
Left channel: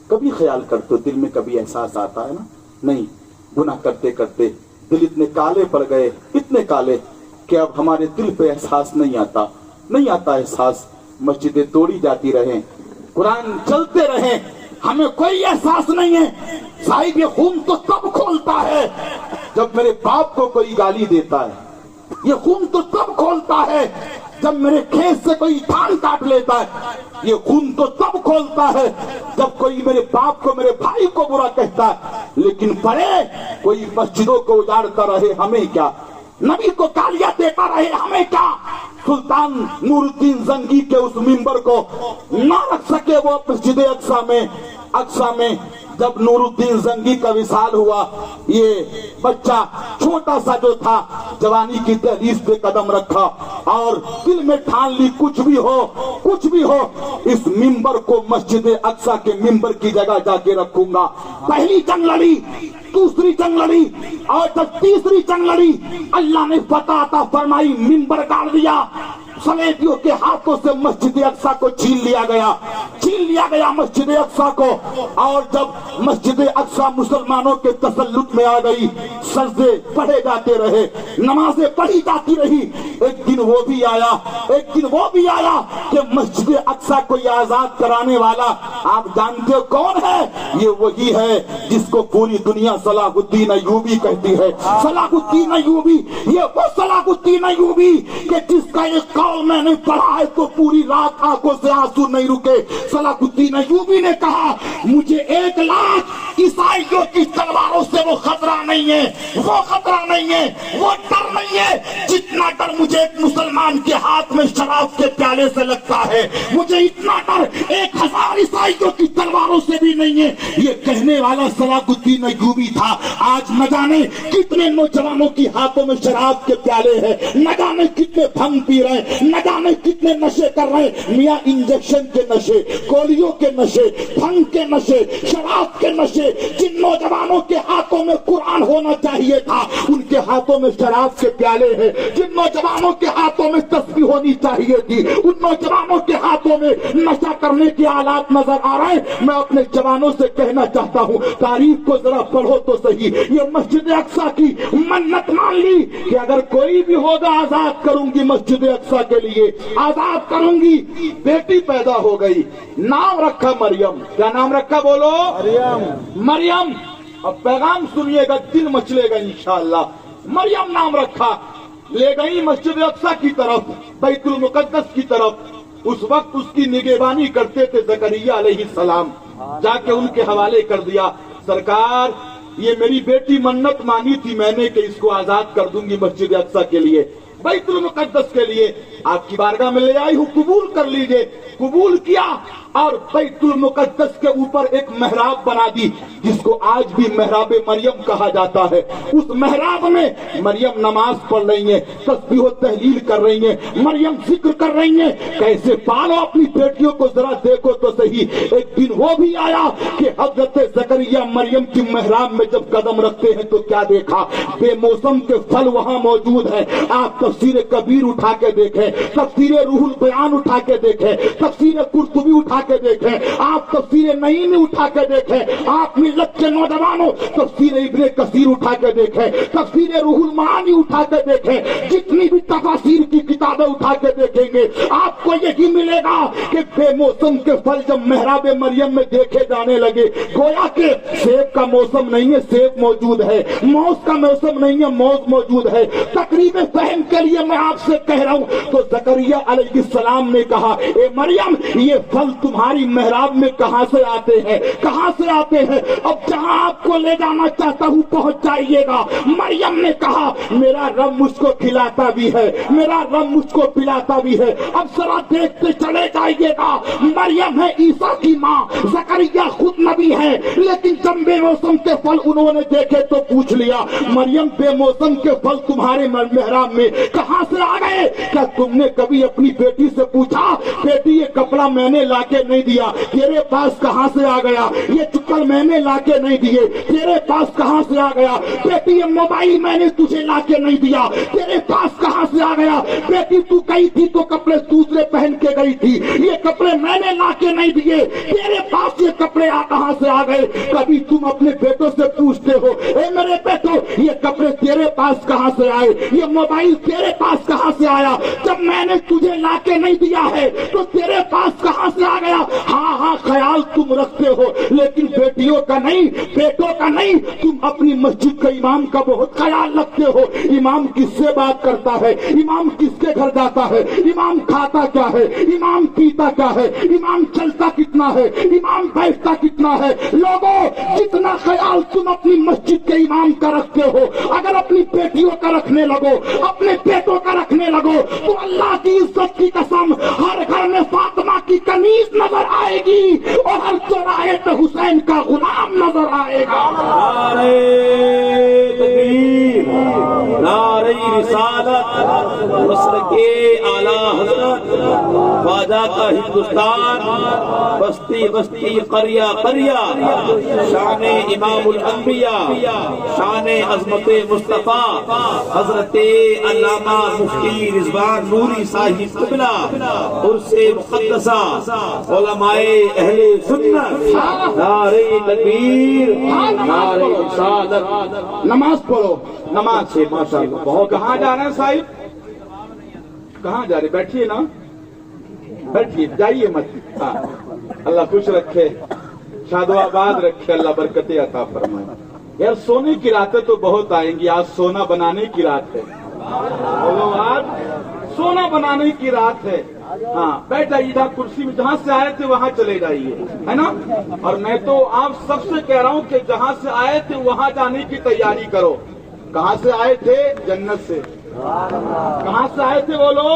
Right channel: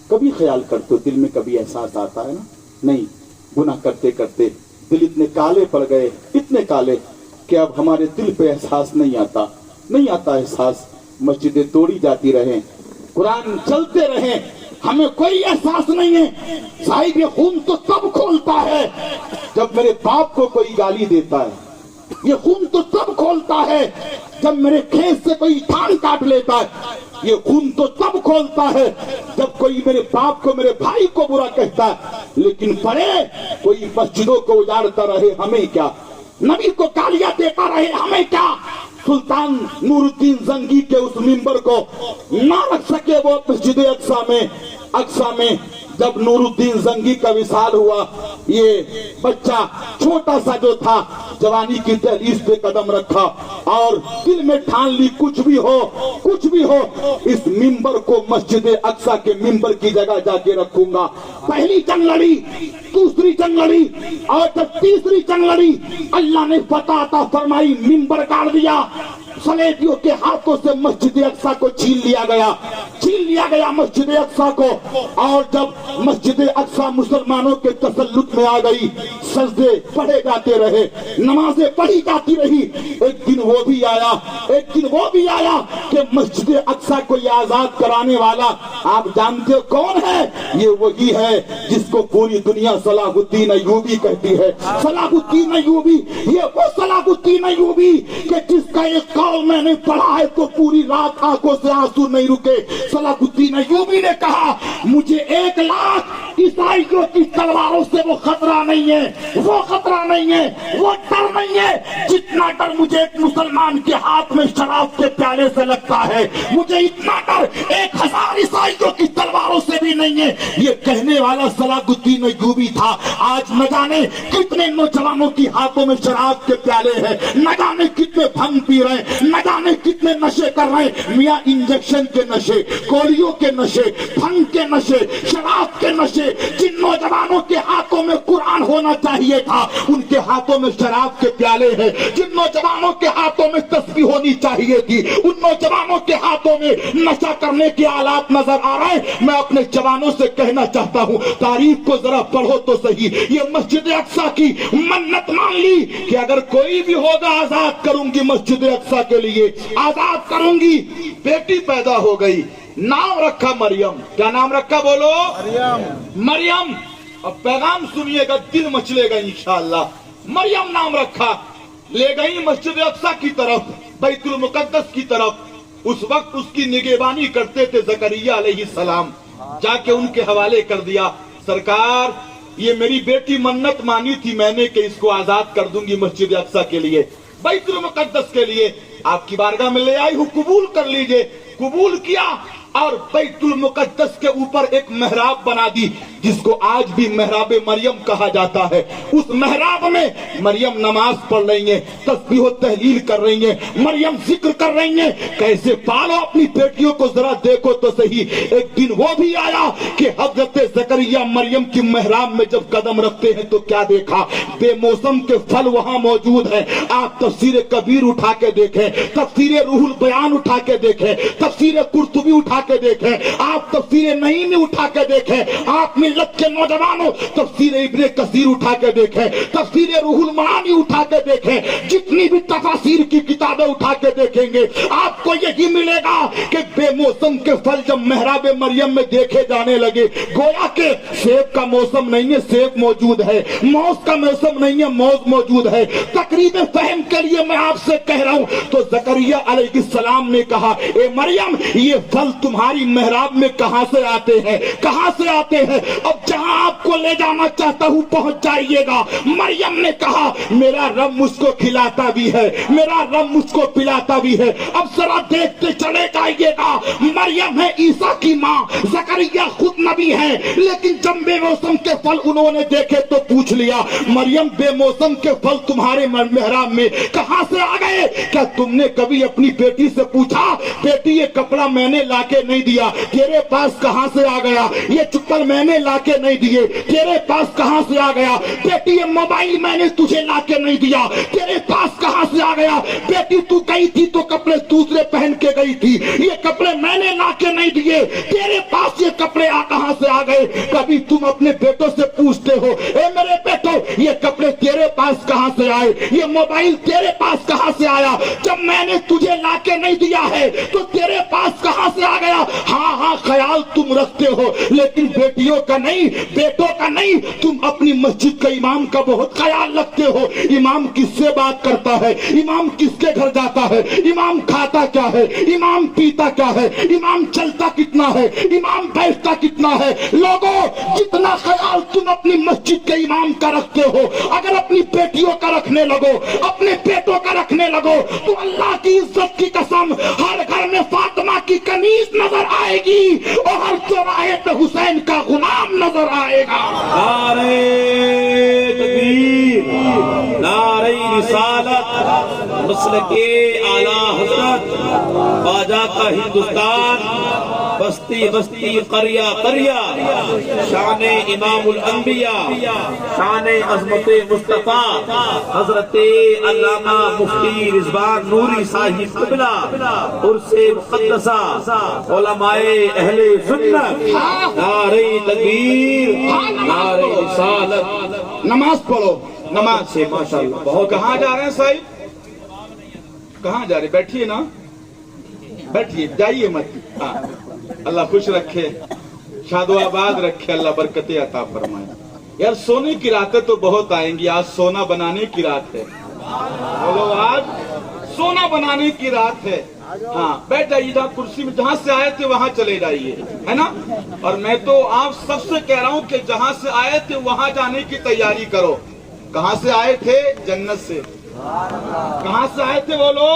कभी ख्याल करते हो? दिल में कभी एहसास आता है ना? नहीं। गुनाह करते करते दिल इतने काले पड़ गए, इतने काले कि अब हमारे दिल पे एहसास नहीं आता, नहीं आता एहसास। मस्जिदें तोड़ी जाती रहे, कुरान चलते रहे, हमें कोई एहसास नहीं है। साहिब, ये खून तो तब खोलता है जब मेरे बाप को कोई गाली देता है, ये खून तो तब खोलता है जब मेरे खेत से कोई धान काट लेता है, ये खून तो तब खोलता है जब कोई मेरे बाप को, मेरे भाई को बुरा कहता है। लेकिन पड़े कोई मस्जिदों को उजाड़ता रहे, हमें क्या? नबी को गालियां देता रहे, हमें क्या? सुल्तान नूरुद्दीन जंगी के उस मिंबर को ना रख सके वो मस्जिद अक्सा में। जब नूरुद्दीन जंगी का विसाल हुआ, ये बच्चा छोटा सा जो था, जवानी की तहरीस पे कदम रखा और दिल में ठान ली, कुछ भी हो, इस मिंबर को मस्जिद अक्सा के मिंबर की जगह जाके रखूंगा। पहली जंग लड़ी, दूसरी जंग लड़ी और जब तीसरी जंग लड़ी, अल्लाह ने फतह अता फरमाई, मिंबर गाड़ दिया। सलेबियों के हाथों से मस्जिद अक्सा को छीन लिया गया मस्जिद अक्सा को। और जब मस्जिद अक्सा मुसलमानों के तसल्लुत में आ गई, सजदे पढ़े जाते रहे, नमाजें पढ़ी जाती रही। एक दिन वो भी आया कि मस्जिद अक्सा को आजाद कराने वाला, आप जानते हो कौन है? ये वही है जिसको पूरी दुनिया सलाहुद्दीन अय्यूबी कहती है। सलाहुद्दीन अय्यूबी, ये वो सलाहुद्दीन अय्यूबी कि जिसका एक कौल मैंने पढ़ा है तो पूरी रात आंखों से आंसू नहीं रुके। सलाहुद्दीन अय्यूबी ने कहा, मुझे 1 लाख ईसाइयों की तलवारों से वो खतरा नहीं है, वो खतरा नहीं है, वो डर नहीं है जितना डर मुझे एक मुसलमान के हाथ में शराब के प्याले से लगता है। मुझे इतना डर 1000 ईसाइयों की तलवारों से भी नहीं है। ये कहने वाला सलाहुद्दीन अय्यूबी था। आज न जाने कितने नौजवानों की हाथों में शराब के प्याले हैं, न जाने कितने भंग पी रहे हैं, न जाने कितने नशे कर रहे हैं। मियां इंजेक्शन के नशे, गोलियों के नशे, भंग के नशे, शराब के नशे। जिन नौजवानों के हाथों में कुरान होना चाहिए था, उनके हाथों में शराब के प्याले हैं। जिन नौजवानों के हाथों में तस्बीह होनी चाहिए थी, उन नौजवानों के हाथों में नशा करने के आलात नजर आ रहे हैं। मैं अपने जवानों से कहना चाहता हूं, तारीख को जरा पढ़ो तो सही। ये मस्जिद अक्सा की मन्नत मान ली कि अगर कोई भी होगा आजाद करूंगी, मस्जिद अक्सा के लिए आजाद करूंगी। बेटी पैदा हो गई, नाम रखा मरियम। क्या नाम रखा बोलो? मरियम। मरियम। अब पैगाम सुनिएगा, दिल मचलेगा इंशाअल्लाह। मरियम नाम रखा, ले गई मस्जिद अक्सा की तरफ, बैतुल मुकद्दस की तरफ। उस वक्त उसकी निगहबानी करते थे जकरिया अलैहिस्सलाम। जाके उनके हवाले कर दिया, सरकार ये मेरी बेटी मन्नत मानी थी मैंने कि इसको आजाद कर दूंगी मस्जिद अक्सा के लिए, बैतुल मुकद्दस के लिए। आपकी बारगाह में ले आई हूं, कबूल कर लीजिए। कबूल किया और बैतुल मुकद्दस के ऊपर एक मेहराब बना दी, जिसको आज भी मेहराब मरियम कहा जाता है। उस मेहराब में मरियम नमाज पढ़ रही है, तस्बीह व तहलील कर रही है, मरियम जिक्र कर रही है। कैसे पालो अपनी बेटियों को जरा देखो तो सही। एक दिन वो भी आया कि हजरत जकरिया मरियम की मेहराब में जब कदम रखते हैं तो क्या देखा, बेमौसम के फल वहां मौजूद है। आप तफसीर कबीर उठा के देखें, तफसीर रूहुल बयान उठा के देखें, तफसीर कुर्तुबी उठा के देखें, आप तफसीर नईमी उठा के देखें, आप मिल्लत के नौजवानों तफसीर इब्ने कसीर उठा के देखें, तफसीर रूहुल मानी उठा के देखें, जितनी भी तफसीर की किताबें उठा के देखेंगे आपको यही मिलेगा कि बेमौसम के फल जब मेहराब मरियम में देखे जाने लगे, गोया के सेब का मौसम नहीं है, सेब मौजूद है, मौज का मौसम नहीं है, मौज मौजूद है। तकरीब फहम के लिए मैं आपसे कह रहा हूं, तो जकरिया अलैहिस्सलाम ने कहा, ए मरियम ये फल तुम्हारी मेहराब में कहां से आते हैं, कहां से आते हैं? अब जहां आपको ले जाना चाहता हूं पहुंच जाइएगा। मरियम ने कहा, मेरा रब मुझको खिलाता भी है, मेरा रब मुझको पिलाता भी है। अब जरा देखते चले जाइएगा। मरियम है ईसा की मां, जकरिया खुद नबी है, लेकिन जब बेमौसम के फल उन्होंने देखे तो पूछ लिया, मरियम बेमौसम के फल तुम्हारे मेहराब में कहां से आ गए? क्या तुमने कभी अपनी बेटी से पूछा, बेटी ये कपड़ा मैंने लाके नहीं दिया, तेरे पास कहां से आ गया? ये चुक्कर मैंने लाके नहीं दिए, तेरे पास कहां से आ गया? बेटी ये मोबाइल मैंने तुझे लाके नहीं दिया, तेरे पास कहां से आ गया? बेटी तू गई थी तो कपड़े दूसरे पहन के गई थी, ये कपड़े मैंने लाके नहीं दिए, तेरे पास ये कपड़े कहां से आ गए? कभी तुम अपने बेटों से पूछते हो, ए मेरे बेटो ये कपड़े तेरे पास कहां से आए, ये मोबाइल तेरे पास कहां से आया? जब मैंने तुझे लाके नहीं दिया है तो तेरे पास कहां से आ गया? हाँ हाँ ख्याल तुम रखते हो, लेकिन बेटियों का नहीं, बेटों का नहीं। तुम अपनी मस्जिद के इमाम का बहुत ख्याल रखते हो। इमाम किससे बात करता है, इमाम किसके घर जाता है, इमाम खाता क्या है, इमाम पीता क्या है, इमाम चलता कितना है, इमाम बैठता कितना है। लोगों जितना ख्याल तुम अपनी मस्जिद के इमाम का रखते हो, अगर अपनी बेटियों का रखने लगो, अपने बेटों का रखने लगो, तो अल्लाह की इज्जत की कसम हर घर में फातिमा की कमीज नजर आएगी और हर चौराहे पे हुसैन का गुलाम नजर आएगा। नारे तकबीर, नारे रिसालत, मसलके आला हजरत, ख्वाजा का हिंदुस्तान, बस्ती बस्ती करिया करिया, शान इमामुल अंबिया, शान अज़मत मुस्तफा हजरत अल्लामा मुफ्ती रिजवान नूरी साहिब क़िबला उर्से मुक़द्दसा उलमाए अहले सुन्नत, नारे तकबीर, नारे रिसालत। नमाज पढ़ो, नमाज से माशाअल्लाह बहुत। कहाँ जा रहे हैं साहिब, कहाँ जा रहे? बैठिए ना, बैठिए, जाइए मत। अल्लाह खुश रखे, शादोआबाद रखे, अल्लाह बरकतें अता फरमाए। यार सोने की रातें तो बहुत आएंगी, आज सोना बनाने की रात है। बोलो आज सोना बनाने की रात है। हाँ, बैठ जाइए जहाँ कुर्सी में, जहाँ से आए थे वहाँ चले जाइए, है ना। और मैं तो आप सबसे कह रहा हूँ कि जहाँ से आए थे वहाँ जाने की तैयारी करो। कहाँ से आए थे? जन्नत से। कहाँ से आए थे बोलो?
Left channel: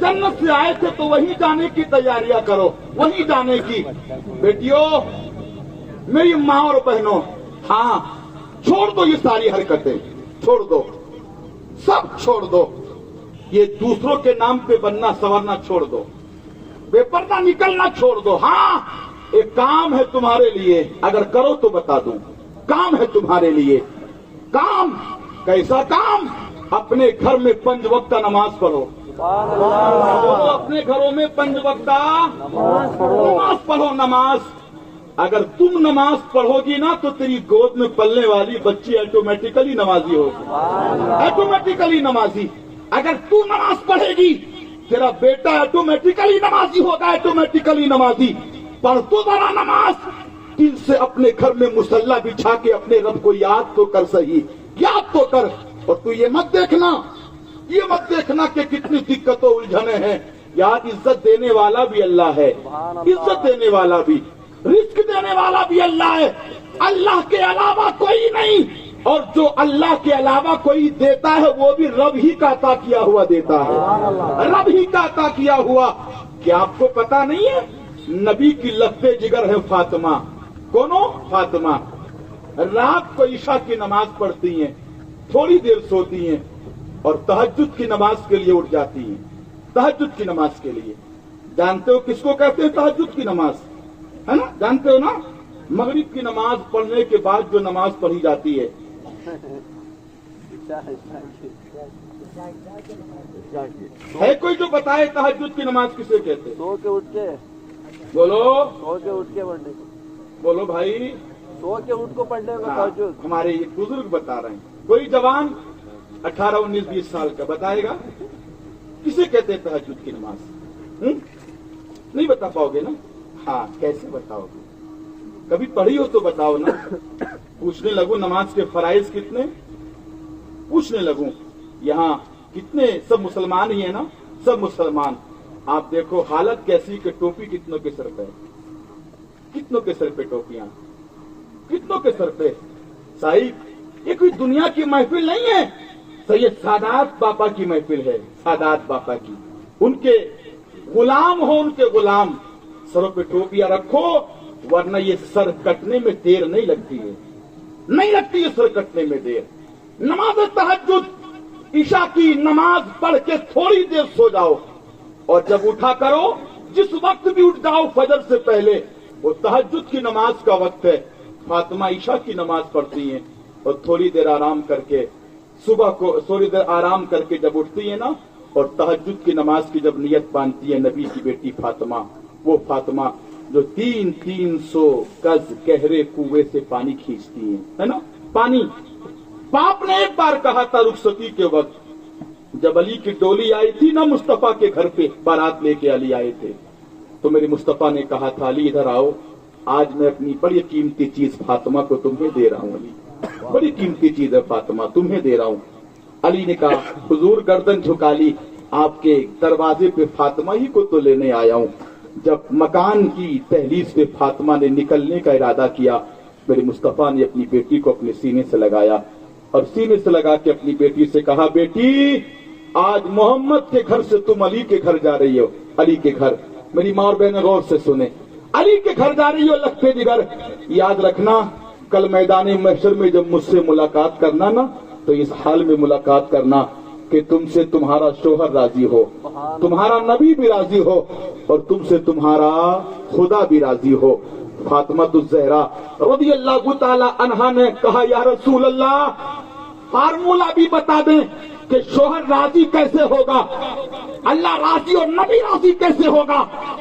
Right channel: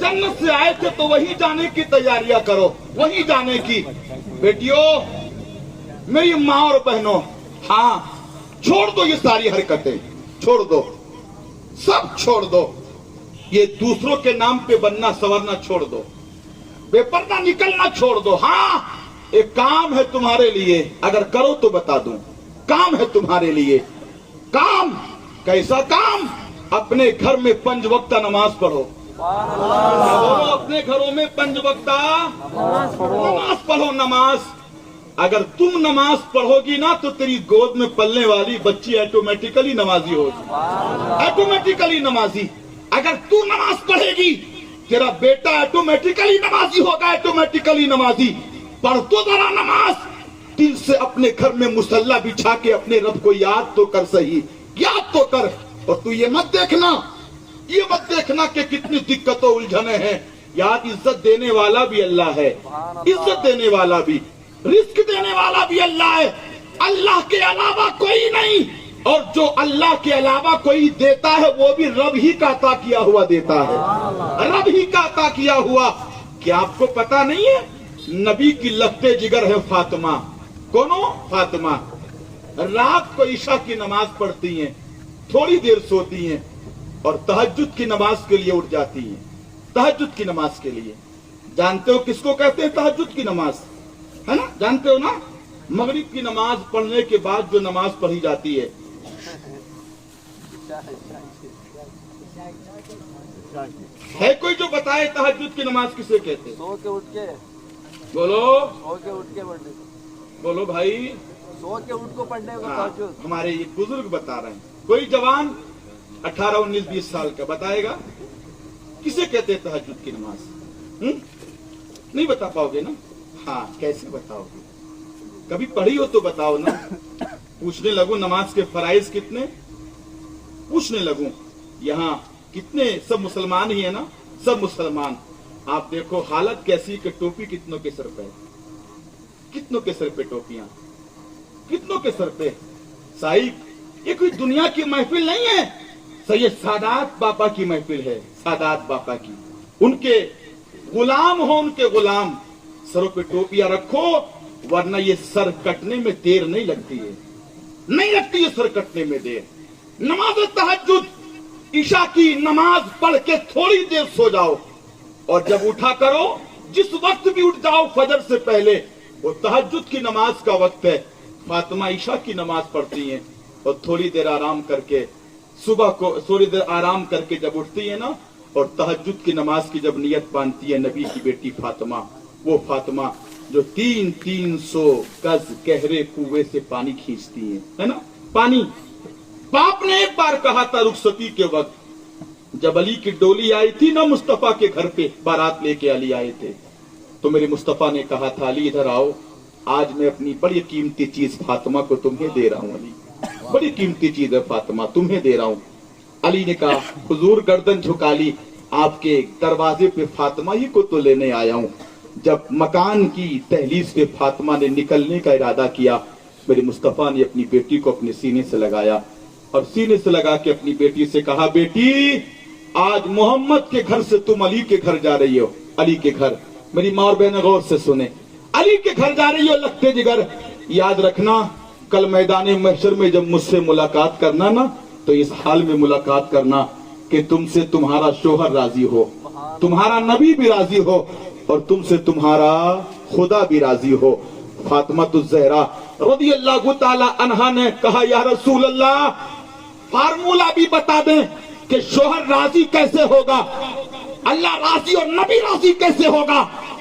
जन्नत से आए थे, तो वहीं जाने की तैयारियां करो, वहीं जाने की। बेटियों, मेरी माँ और बहनों, हाँ, छोड़ दो ये सारी हरकतें, छोड़ दो, सब छोड़ दो। ये दूसरों के नाम पे बनना संवरना छोड़ दो, बेपर्दा निकलना छोड़ दो। हाँ, एक काम है तुम्हारे लिए, अगर करो तो बता दूं। काम है तुम्हारे लिए, काम। कैसा काम? अपने घर में 5 वक्त नमाज पढ़ो। अपने घरों में 5 वक्त नमाज पढ़ो। नमाज, अगर तुम नमाज पढ़ोगी ना तो तेरी गोद में पलने वाली बच्ची ऑटोमेटिकली नमाजी होगी, ऑटोमेटिकली नमाजी। अगर तू नमाज पढ़ेगी, तेरा बेटा ऑटोमेटिकली नमाजी होगा, ऑटोमेटिकली नमाजी। पढ़ तो जरा नमाज, दिल से अपने घर में मुसल्ला बिछा के अपने रब को याद तो कर, सही याद तो कर। और तू ये मत देखना कि कितनी दिक्कतों उलझने हैं। यार, इज्जत देने वाला भी अल्लाह है, इज्जत देने वाला भी, रिस्क देने वाला भी अल्लाह है। अल्लाह के अलावा कोई नहीं, और जो अल्लाह के अलावा कोई देता है वो भी रब ही का अता किया हुआ देता है, रब ही का अता किया हुआ। क्या आपको पता नहीं है? नबी की लफ्ते जिगर है फातिमा। कौनो? फातिमा। रात को ईशा की नमाज पढ़ती हैं, थोड़ी देर सोती हैं और तहज्जुद की नमाज के लिए उठ जाती हैं। तहज्जुद की नमाज के लिए, जानते हो किसको कहते हैं तहज्जुद की नमाज? है ना, जानते हो ना? मगरिब की नमाज पढ़ने के बाद जो नमाज पढ़ी जाती है, है कोई जो बताए तहज्जुद की नमाज किसे कहते हैं? सो के उठ के, बोलो, सो के उठ के पढ़ने को, बोलो भाई, सो के उठ को पढ़ने को हाँ, तहज्जुद। हमारे ये बुजुर्ग बता रहे हैं। कोई जवान 18, 19, 20 साल का बताएगा किसे कहते हैं तहज्जुद की नमाज? नहीं बता पाओगे ना? हाँ, कैसे बताओगे? कभी पढ़ी हो तो बताओ ना। पूछने लगूं नमाज के फराइज कितने, पूछने लगूं यहाँ कितने, सब मुसलमान ही है ना, सब मुसलमान। आप देखो हालत कैसी कि टोपी कितनों के सर पे, कितनों के सर पे टोपियां, कितनों के सर पे। साहिब, ये कोई दुनिया की महफिल नहीं है, सही सादात बापा की महफिल है, सादात बापा की। उनके गुलाम हो, उनके गुलाम। सरों पे टोपियां रखो, वरना ये सर कटने में देर नहीं लगती है, नहीं लगती है सर कटने में देर। नमाज तहज्जुद, ईशा की नमाज पढ़ के थोड़ी देर सो जाओ, और जब उठा करो, जिस वक्त भी उठ जाओ फजर से पहले, वो तहज्जुद की नमाज का वक्त है। फातिमा ईशा की नमाज पढ़ती हैं और थोड़ी देर आराम करके, सुबह को थोड़ी देर आराम करके जब उठती है ना, और तहज्जुद की नमाज की जब नियत बांधती है, नबी की बेटी फातिमा, वो फातिमा जो 300 गज गहरे कुएं से पानी खींचती है ना, पानी। बाप ने एक बार कहा था रुखसती के वक्त, जब अली की डोली आई थी ना मुस्तफा के घर पे, बारात लेके अली आए थे, तो मेरे मुस्तफा ने कहा था, अली इधर आओ, आज मैं अपनी बड़ी कीमती चीज फातिमा को तुम्हें दे रहा हूँ। अली, बड़ी कीमती चीज है फातिमा, तुम्हें दे रहा हूँ। अली ने कहा, हुजूर गर्दन झुका ली, आपके दरवाजे पे फातिमा ही को तो लेने आया हूँ। जब मकान की दहलीज पे फातिमा ने निकलने का इरादा किया, मेरे मुस्तफा ने अपनी बेटी को अपने सीने से लगाया और सीने से लगा के अपनी बेटी से कहा, बेटी आज मोहम्मद के घर से तुम अली के घर जा रही हो। अली के घर, मेरी माँ और बहन गौर से सुने, अली के घर जा रही हो लगते जिगर। याद रखना, कल मैदान महशर में जब मुझसे मुलाकात करना ना, तो इस हाल में मुलाकात करना कि तुमसे तुम्हारा शोहर राजी हो, तुम्हारा नबी भी राजी हो, और तुमसे तुम्हारा खुदा भी राजी हो। फातिमा ज़हरा रज़ियल्लाहु ताला अन्हा ने कहा, या रसूल अल्लाह, फार्मूला भी बता दें कि शोहर राजी कैसे होगा, अल्लाह राजी और नबी राजी कैसे होगा।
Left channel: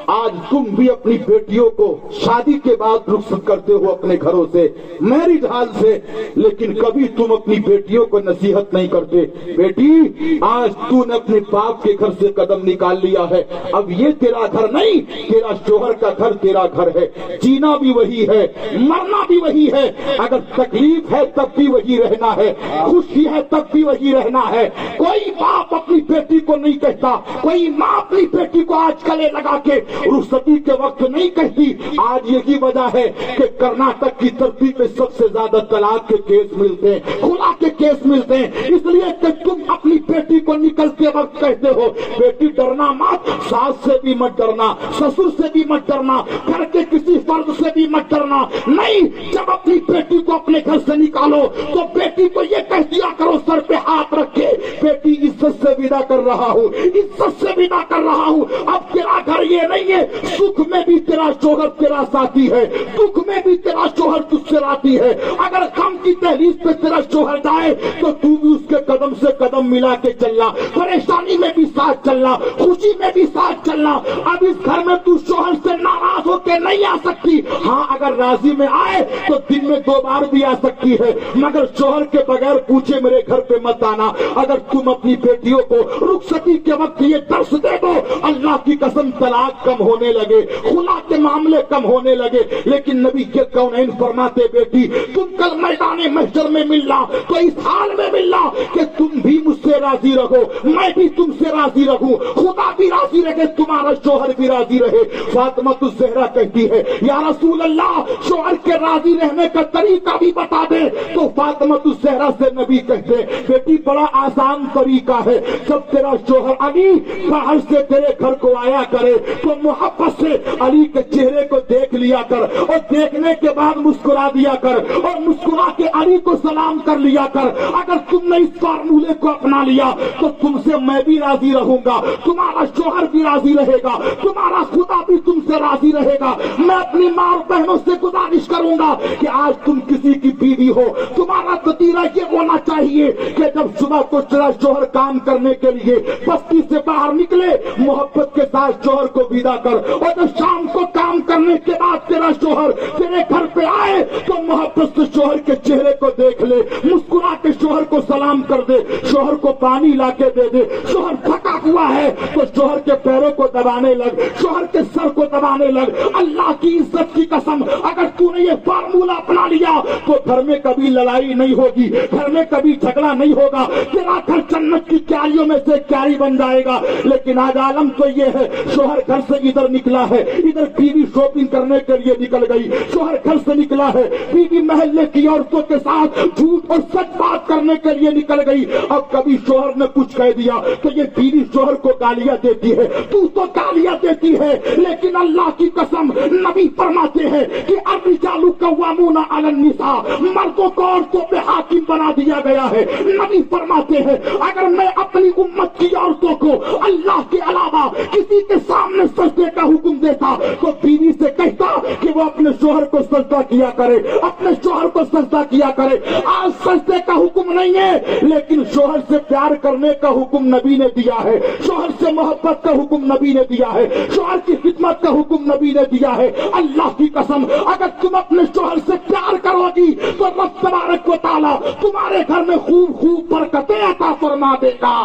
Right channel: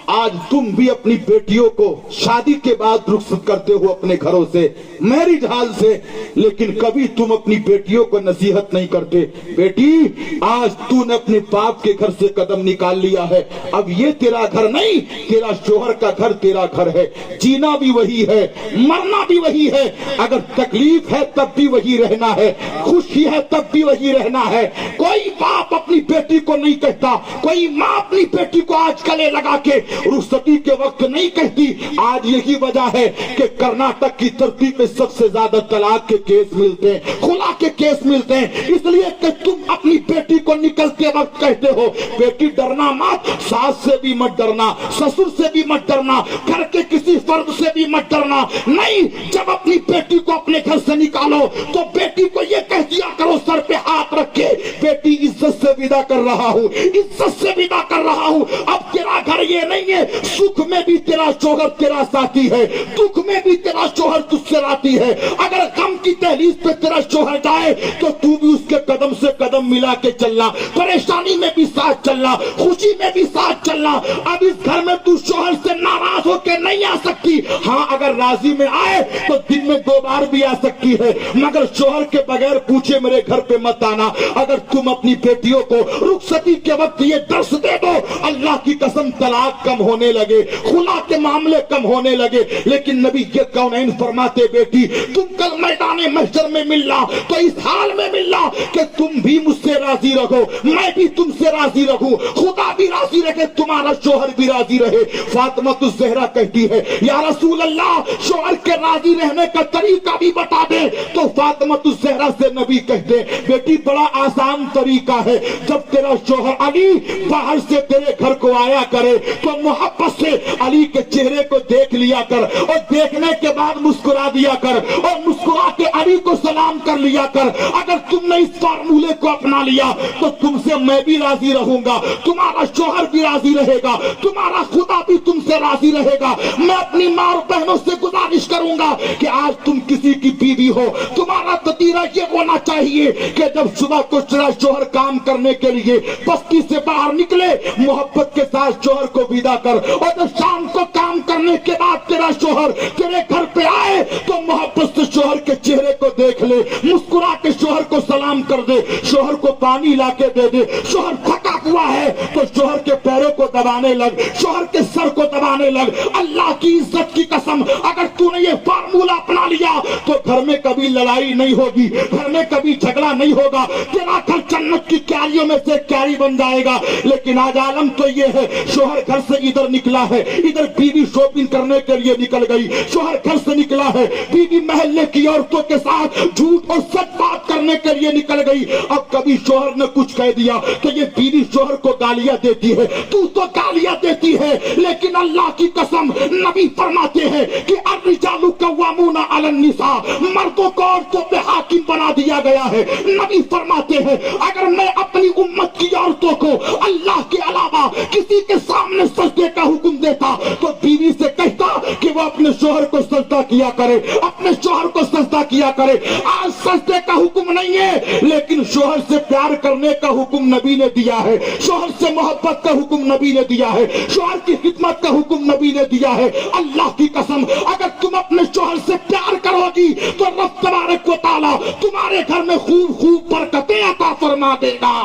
आज तुम भी अपनी बेटियों को शादी के बाद रुखसत करते हो अपने घरों से, मैरिज हाल से, लेकिन कभी तुम अपनी बेटियों को नसीहत नहीं करते। बेटी, आज तूने अपने बाप के घर से कदम निकाल लिया है, अब ये तेरा घर नहीं, तेरा शोहर का घर तेरा घर है। जीना भी वही है, मरना भी वही है, अगर तकलीफ है तब भी वही रहना है, खुशी है तब भी वही रहना है। कोई बाप अपनी बेटी को नहीं कहता, कोई माँ अपनी बेटी को आज गले लगा के रुखसती के वक्त नहीं कहती। आज यही वजह है कि कर्नाटक की धरती पे सबसे ज्यादा तलाक के केस मिलते हैं, खुला के केस मिलते हैं, इसलिए कि तुम अपनी बेटी को निकलते वक्त कहते हो बेटी डरना मत, सास से भी मत डरना, ससुर से भी मत डरना, घर के किसी फर्द से भी मत डरना। नहीं, जब अपनी बेटी को अपने घर से निकालो तो बेटी को ये कह दिया करो सर पे हाथ रख के, बेटी इज्जत से विदा कर रहा हूँ, इज्जत से विदा कर रहा हूँ। अब तेरा घर ये नहीं है, सुख में भी तेरा शोहर तेरा साथी है, दुख में भी तेरा शोहर तुझसे राती है। अगर गम की दहलीज पे तेरा शोहर जाए तो तू भी उसके कदम से कदम मिला के चलना, परेशानी में भी साथ चलना, खुशी में भी साथ चलना। अब इस घर में तू शोहर से नाराज होकर नहीं आ सकती। हाँ, अगर राजी में आए तो दिन में 2 बार भी आ सकती है, मगर शोहर के बगैर पूछे मेरे घर पे मत आना। अगर तुम अपनी बेटियों को रुखसती के वक्त ये दर्श दे दो, अल्लाह की कसम तलाक कम होने लगे, खुला के मामले कम होने लगे। लेकिन नबी ये कौनैन फरमाते बेटी, तुम कल मैदान महशर में मिलना तो इस हाल में मिलना कि तुम भी मुझसे राजी रहो, मैं भी तुमसे राजी रहूं, खुदा भी राजी रहे, तुम्हारा शोहर भी राजी रहे। फातिमा ज़हरा कहती है या रसूल अल्लाह, शोहर के राजी रहने का तरीका भी बता दे। तो फातिमा ज़हरा से नबी कहते बेटी बड़ा आसान तरीका है, जब तेरा शोहर अली बाहर से तेरे घर को आया करे तो मोहब्बत से अली के चेहरे को देख लिया कर, और देखने के बाद मुस्कुरा दिया कर, और मुस्कुरा के अली को सलाम कर लिया कर। अगर तुमने इस फार्मूले को अपना लिया तो तुमसे मैं भी राजी रहूंगा, तुम्हारा शोहर भी राजी रहेगा, तुम्हारा खुदा भी तुमसे राजी रहेगा। मैं अपनी माँ और बहनों से गुजारिश करूंगा कि आज तुम किसी की बीवी हो, तुम्हारा ततीरा ये होना चाहिए कि जब सुबह को तेरा शोहर काम करने के लिए बस्ती से बाहर निकले, मोहब्बत के साथ शोहर को विदा कर, और जब शाम को काम करने के बाद तेरा शोहर तेरे घर पे आए तो मोहब्बत से शोहर के चेहरे को देख ले, मुस्कुरा के शोहर को सलाम कर दे, शोहर को पानी ला के दे दे। शोहर थका हुआ है तो शोहर के पैरों को दबाने लग, शोहर के सर को दबाने लग। अल्लाह की इज्जत की कसम, अगर तूने ये फार्मूला अपना लिया तो घर में कभी लड़ाई नहीं होगी, घर में कभी झगड़ा नहीं होगा, तेरा घर जन्नत की क्यारियों में से क्यारी बन जाएगा। लेकिन आज आलम तो ये है, शोहर घर से इधर निकला है, इधर बीवी शॉपिंग करने के लिए निकल गई, शोहर घर से निकला है, बीवी महल्ले की औरतों के साथ झूठ और सच बात करने के लिए निकल गई। अब कभी शोहर ने कुछ कह दिया तो ये बीवी शोहर को गालियां देती है, तू तो गालियां देती है। लेकिन अल्लाह की कसम, नबी फरमाते हैं कि अर्रिजालु कव्वामूना अलन निसा, मर्दों को औरतों पे हाकिम बना दिया गया है। नबी फरमाते हैं अगर मैं अपनी उम्मत की औरतों को अल्लाह के अलावा किसी के सामने सजदे का हुक्म देता तो बीवी से कहता कि वो अपने शोहर को सजदा किया करे, अपने शोहर को सजदा किया करे। आज सजदे का हुक्म नहीं है, लेकिन शोहर से प्यार करने का हुक्म नबी ने दिया है, शोहर से मोहब्बत का हुक्म नबी ने दिया है, शोहर की खिदमत का हुक्म नबी ने दिया है। अल्लाह की कसम, अगर तुम अपने शोहर से प्यार करोगी तो रब तबारक व तआला तुम्हारे घर में खूब खूब बरकतें अता फरमा देगा।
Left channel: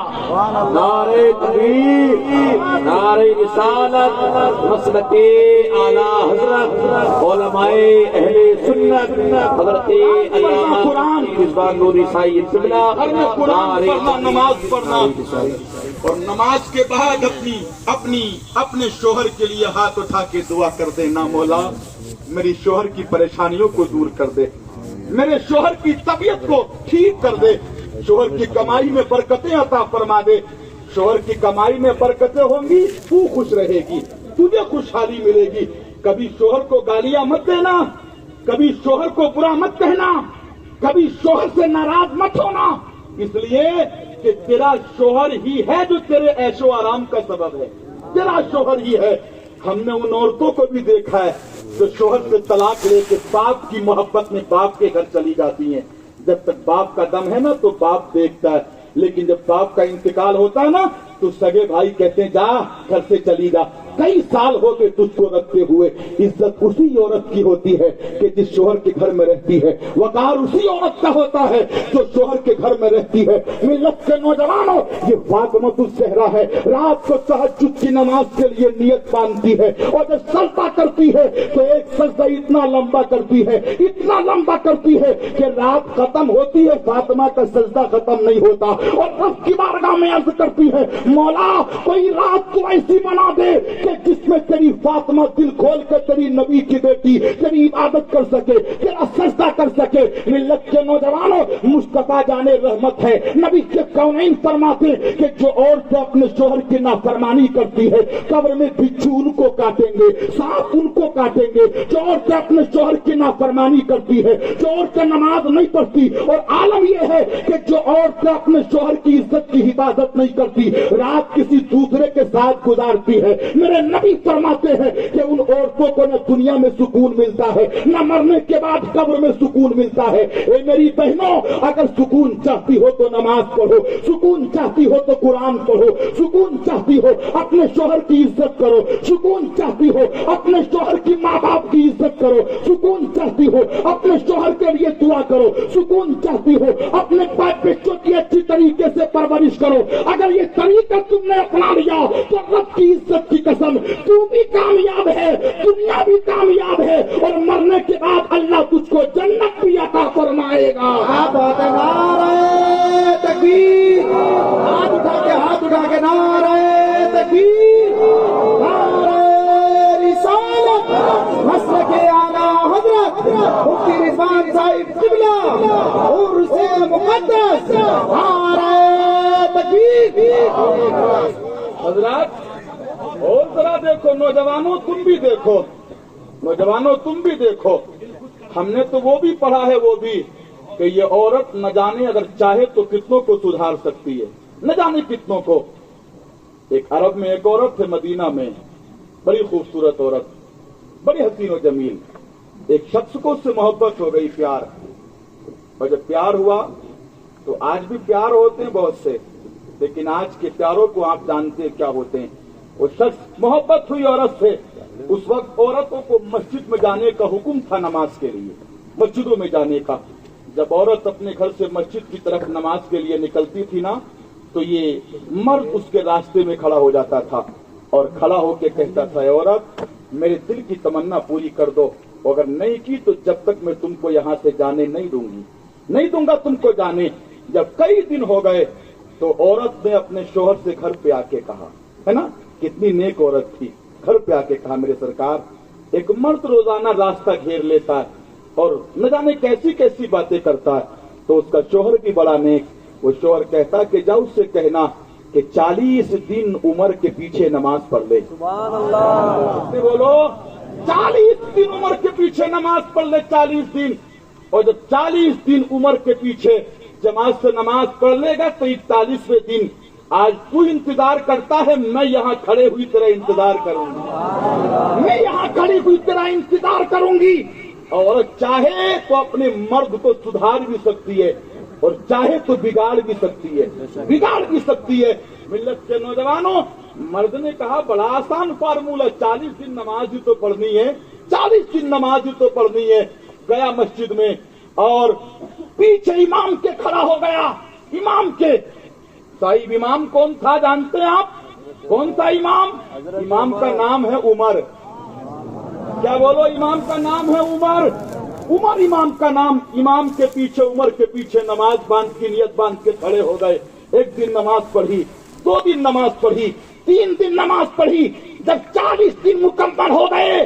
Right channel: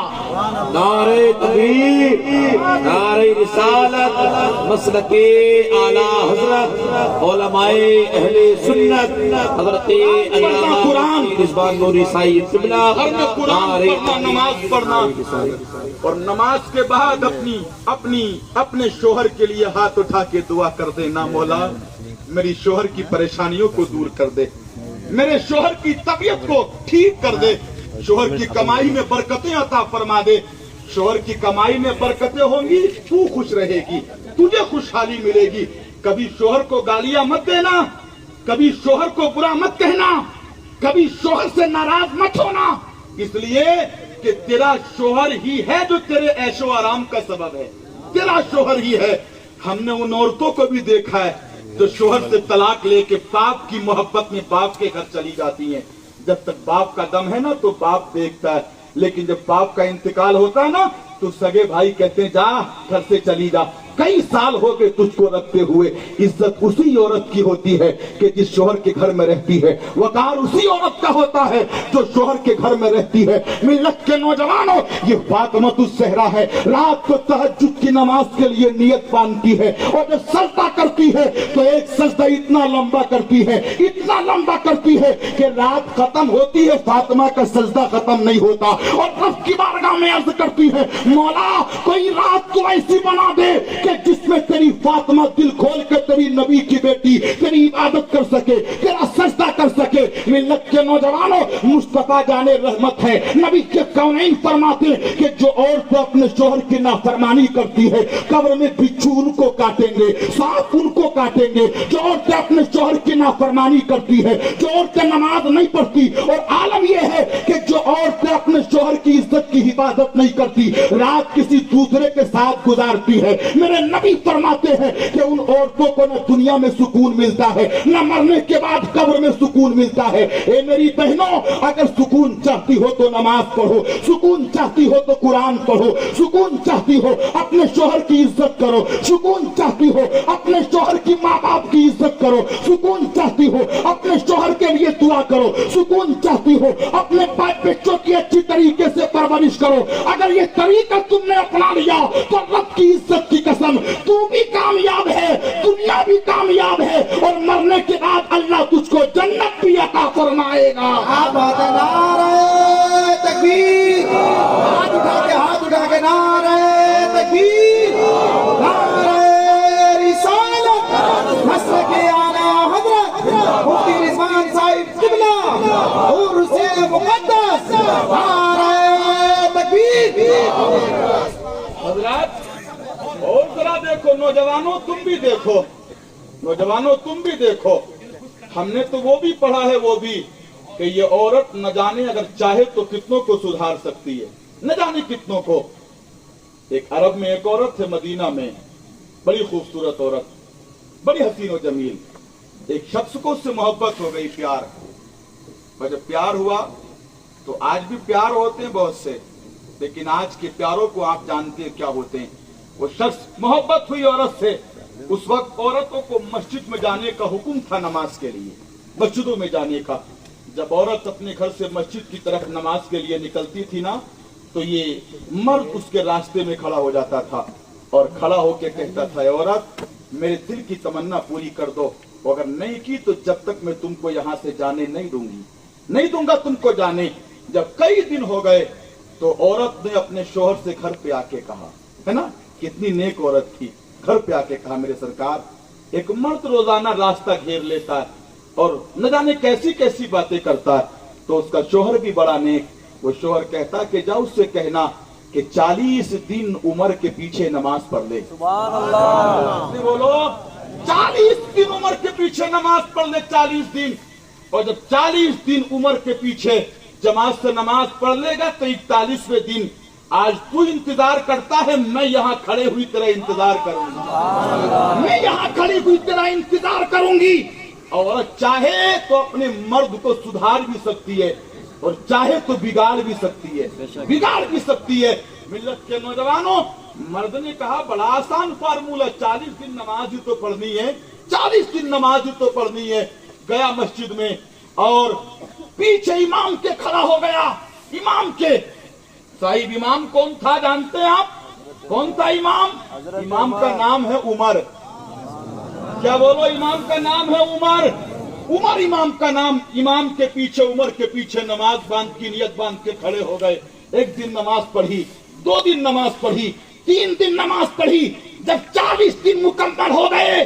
नारे तकबीर, नारे रिसालत, मसलके आला हजरत उलमाए अहले सुन्नत हजरत अल्लामा रिजवान नूरी साहिब किबला। कुरान पढ़ना, नमाज पढ़ना, और नमाज के बाद अपने शोहर के लिए हाथ उठा के दुआ कर देना, मौला मेरी शोहर की परेशानियों को दूर कर दे, मेरे शोहर की तबीयत को ठीक कर दे, शोहर की कमाई में बरकतें अता फरमा दे। शोहर की कमाई में बरकतें होंगी, तू खुश रहेगी, तुझे खुशहाली मिलेगी। कभी शोहर को गालियां मत देना, कभी शोहर को बुरा मत कहना, कभी शोहर से नाराज मत होना, इसलिए कि तेरा शोहर ही है जो तेरे ऐशो आराम का सबब है, तेरा शोहर ही है। हमने उन औरतों को भी देखा है जो शोहर से तलाक लेके बाप की मोहब्बत में बाप के घर चली जाती हैं। जब तक बाप का दम है ना तो बाप देखता है, लेकिन जब बाप का इंतकाल होता है ना तो सगे भाई कहते हैं जा घर से चली जा, कई साल हो गए तुझको रखते हुए। इज्जत उसी औरत की होती है कि जिस शोहर के घर में रहती है। वकार उसी औरत का होता है जो शोहर के घर में रहती है। मिल्लत के नौजवानों, ये फातिमतुस ज़हरा है, रात को तहज्जुद की नमाज के लिए नियत बांधती है और जब सजदा करती है तो एक सजदा इतना लंबा करती है, इतना लंबा करती है कि रात खत्म होती है, फातिमा का सजदा खत्म नहीं होता। और रब की बारगाह में अर्ज करती है, मौला कोई रात को ऐसी बना दे कि जिसमें तेरी फातिमा दिल खोल के तेरी नबी की बेटी तेरी इबादत कर सके, तेरा सजदा कर सके। मिल्लत के नौजवानों, मुस्तफा जाने रहमत है, नबी के कौनैन फरमाते कि जो औरतें अपने शोहर की नाफरमानी करती है कब्र में बिच्छू उनको काटेंगे, सांप उनको काटेंगे। जो औरतें अपने शोहर की नाफरमानी करती है, जो औरतें नमाज नहीं पढ़ती, और आलम यह है कि जो औरतें अपने शोहर की इज्जत की हिफाजत नहीं करती, रात किसी दूसरे के साथ गुजारती है, मेरे नबी फरमाते हैं कि उन औरतों को न दुनिया में सुकून मिलता है, न मरने के बाद कब्र में सुकून मिलता है। ए मेरी बहनों, अगर सुकून चाहती हो तो नमाज पढ़ो, सुकून चाहती हो तो कुरान पढ़ो, सुकून चाहती हो अपने शोहर की इज्जत करो, सुकून चाहती हो अपने शोहर की माँ बाप की इज्जत करो, सुकून चाहती हो अपने शोहर के लिए दुआ करो, सुकून चाहती हो अपने बच्चों की अच्छी तरीके से परवरिश करो। अगर ये तरीका तुमने अपना लिया तो रब की इज्जत की कसम, तू भी कामयाब है, दुनिया भी कामयाब है, और मरने के बाद अल्लाह तुझको जन्नत भी अता फरमाएगा। नारे तकबीर, हाथ उठा के नारे तकबीर, नारे रिसालत, मसलके आला हज़रत मुफ्ती रिजवान साहिब क़िबला और से मुक़द्दस, नारे तकबीर। हज़रात, और जरा देखो नौजवानों, तुम भी देखो, नौजवानों तुम भी देखो, हमने तो वो भी पढ़ा है, वो भी कि ये औरत न जाने अगर चाहे तो कितनों को सुधार सकती है, न जाने कितनों को। एक अरब में एक औरत है, मदीना में, बड़ी खूबसूरत औरत, बड़ी हसीन और जमील। एक शख्स को उससे मोहब्बत हो गई, प्यार, और जब प्यार हुआ तो आज भी प्यार होते हैं बहुत से, लेकिन आज के प्यारों को आप जानते हैं क्या होते हैं। वो शख्स, मोहब्बत हुई औरत से, उस वक्त औरतों को मस्जिद में जाने का हुक्म था, नमाज के लिए मस्जिदों में जाने का। जब औरत अपने घर से मस्जिद की तरफ नमाज के लिए निकलती थी ना, तो ये मर्द उसके रास्ते में खड़ा हो जाता था और खड़ा होकर कहता था, औरत मेरे दिल की तमन्ना पूरी कर दो, अगर नहीं की तो जब तक मैं तुमको यहाँ से जाने नहीं दूंगी, नहीं दूंगा तुमको जाने। जब कई दिन हो गए तो औरत ने अपने शोहर से घर पे आके कहा, है ना, कितनी नेक औरत थी, घर पे आके कहा, मेरे सरकार, एक मर्द रोजाना रास्ता घेर लेता है और न जाने कैसी कैसी बातें करता है, तो उसका शोहर भी बड़ा नेक। वो शोहर कहता कि जाओ उससे कहना कि 40 दिन उम्र के पीछे नमाज पढ़ ले। सुभान अल्लाह। बोलो, 40 दिन उम्र के पीछे नमाज पढ़ ले, 40 दिन। और जब 40 दिन उम्र के पीछे जमात से नमाज पढ़ लेगा तो 41वें दिन, आज तू इंतजार करता है, मैं यहाँ खड़े हुई तेरा इंतजार करूंगी, मैं यहाँ खड़ी हुई तेरा इंतजार करूंगी। और चाहे तो अपने मर्द को सुधार भी सकती है और चाहे तो बिगाड़ भी सकती है, बिगाड़ भी सकती है। मिल्लत के नौजवानों, मर्द ने कहा बड़ा आसान फार्मूला, 40 दिन नमाज ही तो पढ़नी है, 40 दिन नमाज ही तो पढ़नी है। गया मस्जिद में और पीछे इमाम के खड़ा हो गया। इमाम के, साहिब इमाम कौन था जानते हैं आप? कौन था इमाम? इमाम का नाम है उमर। क्या बोलो? इमाम का नाम है उमर। उमर इमाम का नाम। इमाम के पीछे, उमर के पीछे नमाज बांध की नियत बांध के खड़े हो गए। एक दिन नमाज पढ़ी, 2 दिन नमाज पढ़ी, 3 दिन नमाज पढ़ी। जब 40 दिन मुकम्मल हो गए,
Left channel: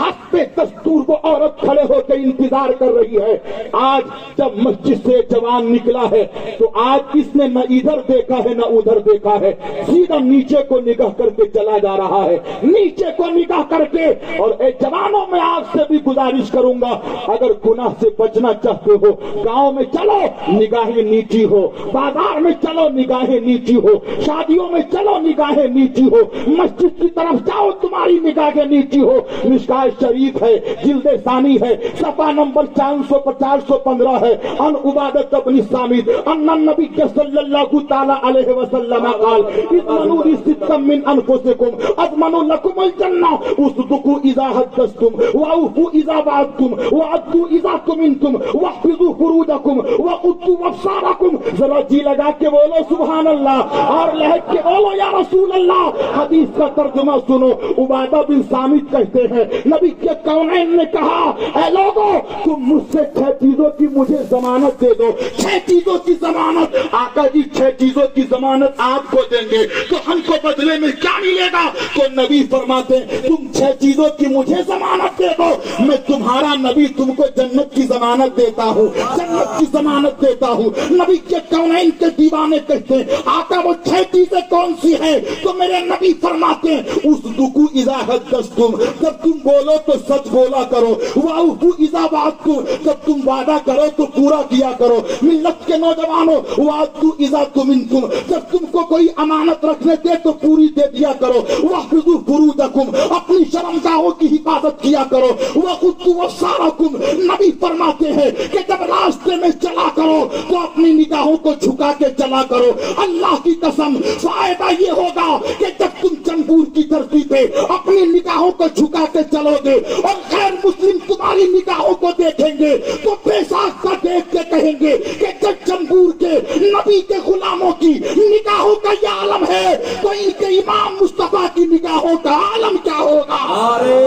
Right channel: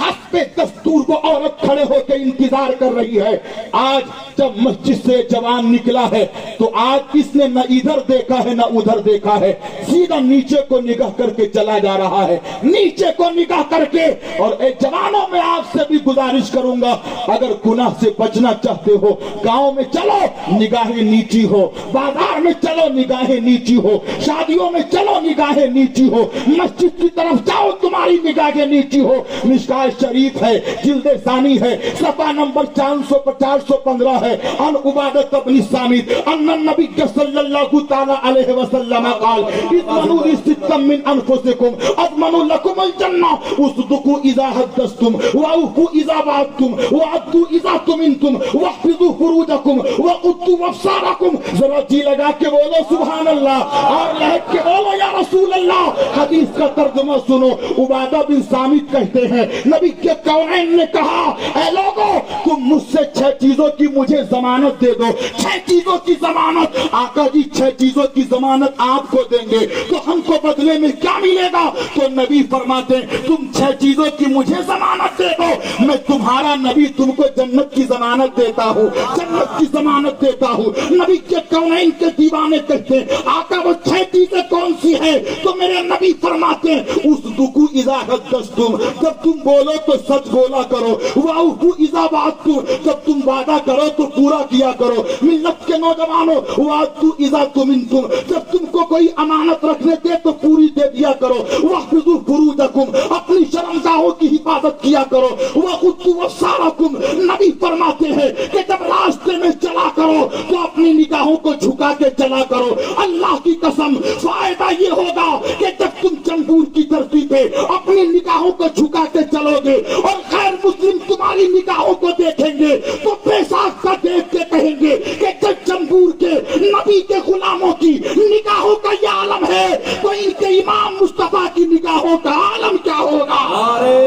हस्बे दस्तूर वो औरत खड़े होकर इंतजार कर रही है। आज जब मस्जिद से जवान निकला है तो आज इसने न इधर देखा है न उधर देखा है, सीधा नीचे को निगाह करके चला जा रहा है, नीचे को निगाह करके। और जवानों में आपसे भी गुजारिश करूंगा, अगर गुनाह से बचना चाहते हो, गांव में चलो निगाहें नीची हो, बाजार में चलो निगाहें नीची हो, शादियों में चलो निगाहें नीची हो, मस्जिद की तरफ जाओ तुम्हारी निगाहें नीची हो। मिशकात शरीफ है, जिल्दे सानी है, सफा नंबर 415 है। अन उबादत इब्न सामित अन्ना नबी सल्लल्लाहु ताला अलैहि वसल्लम قال इत्मनु लिसित्तम मिन अनफुसिकुम अज़मनु लकुमुल जन्नह उसदुकु इज़ा हद्दस्तुम वअफ़ु इज़ा वअदतुम वअद्दु इज़ा तुमिनतुम वहफ़िज़ु फुरूजकुम वक़ुद्दु अब्सारकुम। जरा जी लगा के बोलो सुभान अल्लाह और लहक के बोलो या रसूल अल्लाह। हदीस का तर्जुमा सुनो। उबादा बिन सामित कहते हैं नबी के कौनैन ने कहा ऐ लोगों तुम मुझसे 6 चीजों की मुझे जमानत दे दो। 6 चीजों की जमानत। आका जी 6 चीजों की जमानत आपको देंगे तो हमको बदले में क्या मिलेगा? तो नबी फरमाते तुम 6 चीजों की मुझे जमानत दे दो, मैं तुम्हारा नबी तुमको जन्नत की जमानत देता हूँ, जन्नत की जमानत देता हूँ। नबी के कौनैन के दीवाने कहते आका वो 6 चीजें कौन सी है? तो मेरे नबी फरमाते उस दुकू इज़ा हद्दस्तुम जब तुम बोलो तो सच बोला करो, वाउफु इज़ा वाअदतुम जब तुम वादा करो तो पूरा किया करो। मिल्लत के नौजवानों वाअदतु इज़ा तुमिनतुम जब तुमको कोई अमानत रखने दे तो पूरी दे दिया करो। वहफ़िज़ु फुरूजकुम अपनी शर्मगाहों की हिफाजत किया करो। वक़ुद्दु अब्सारकुम नबी फरमाते हैं कि जब रास्ते में चला करो तो अपनी निगाहों को झुका के चला करो। अल्लाह की कसम फायदा ये होगा कि जब तुम चंबूर की धरती पे अपनी निगाहों को झुका के चलोगे और गैर मुस्लिम तुम्हारी निगाहों को देखेंगे तो बेसाख का देख के कहेंगे कि जब चंबूर के नबी के गुलामों की निगाहों का ये आलम है तो इनके इमाम मुस्तफा की निगाहों का आलम क्या होगा? नारे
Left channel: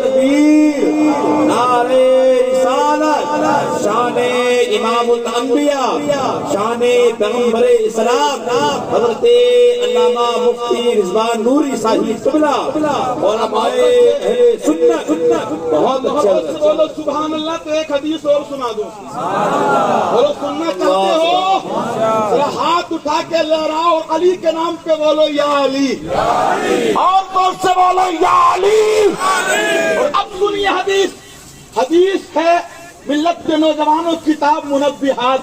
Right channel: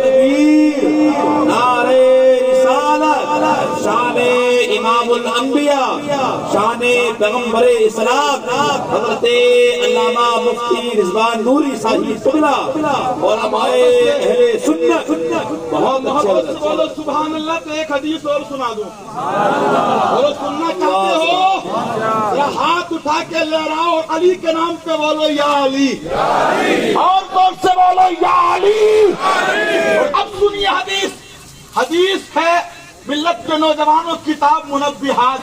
तकबीर, नारे रिसालत, शाने इमामुल अंबिया, शाने पैगंबरे इस्लाम हज़रते अल्लामा मुफ्ती रिज़वान नूरी साहिब क़िबला उलमाए अहले सुन्नत। बहुत अच्छे बोलो सुभान अल्लाह। तो एक हदीस और सुना दूं। बोलो सुनना चाहते हो? जरा हाथ उठा के लहराओ अली के नाम पे बोलो या अली, और जोर से बोलो या अली। अब सुनिए हदीस। हदीस है मिल्लत के नौजवानों किताब मुनब्बिहात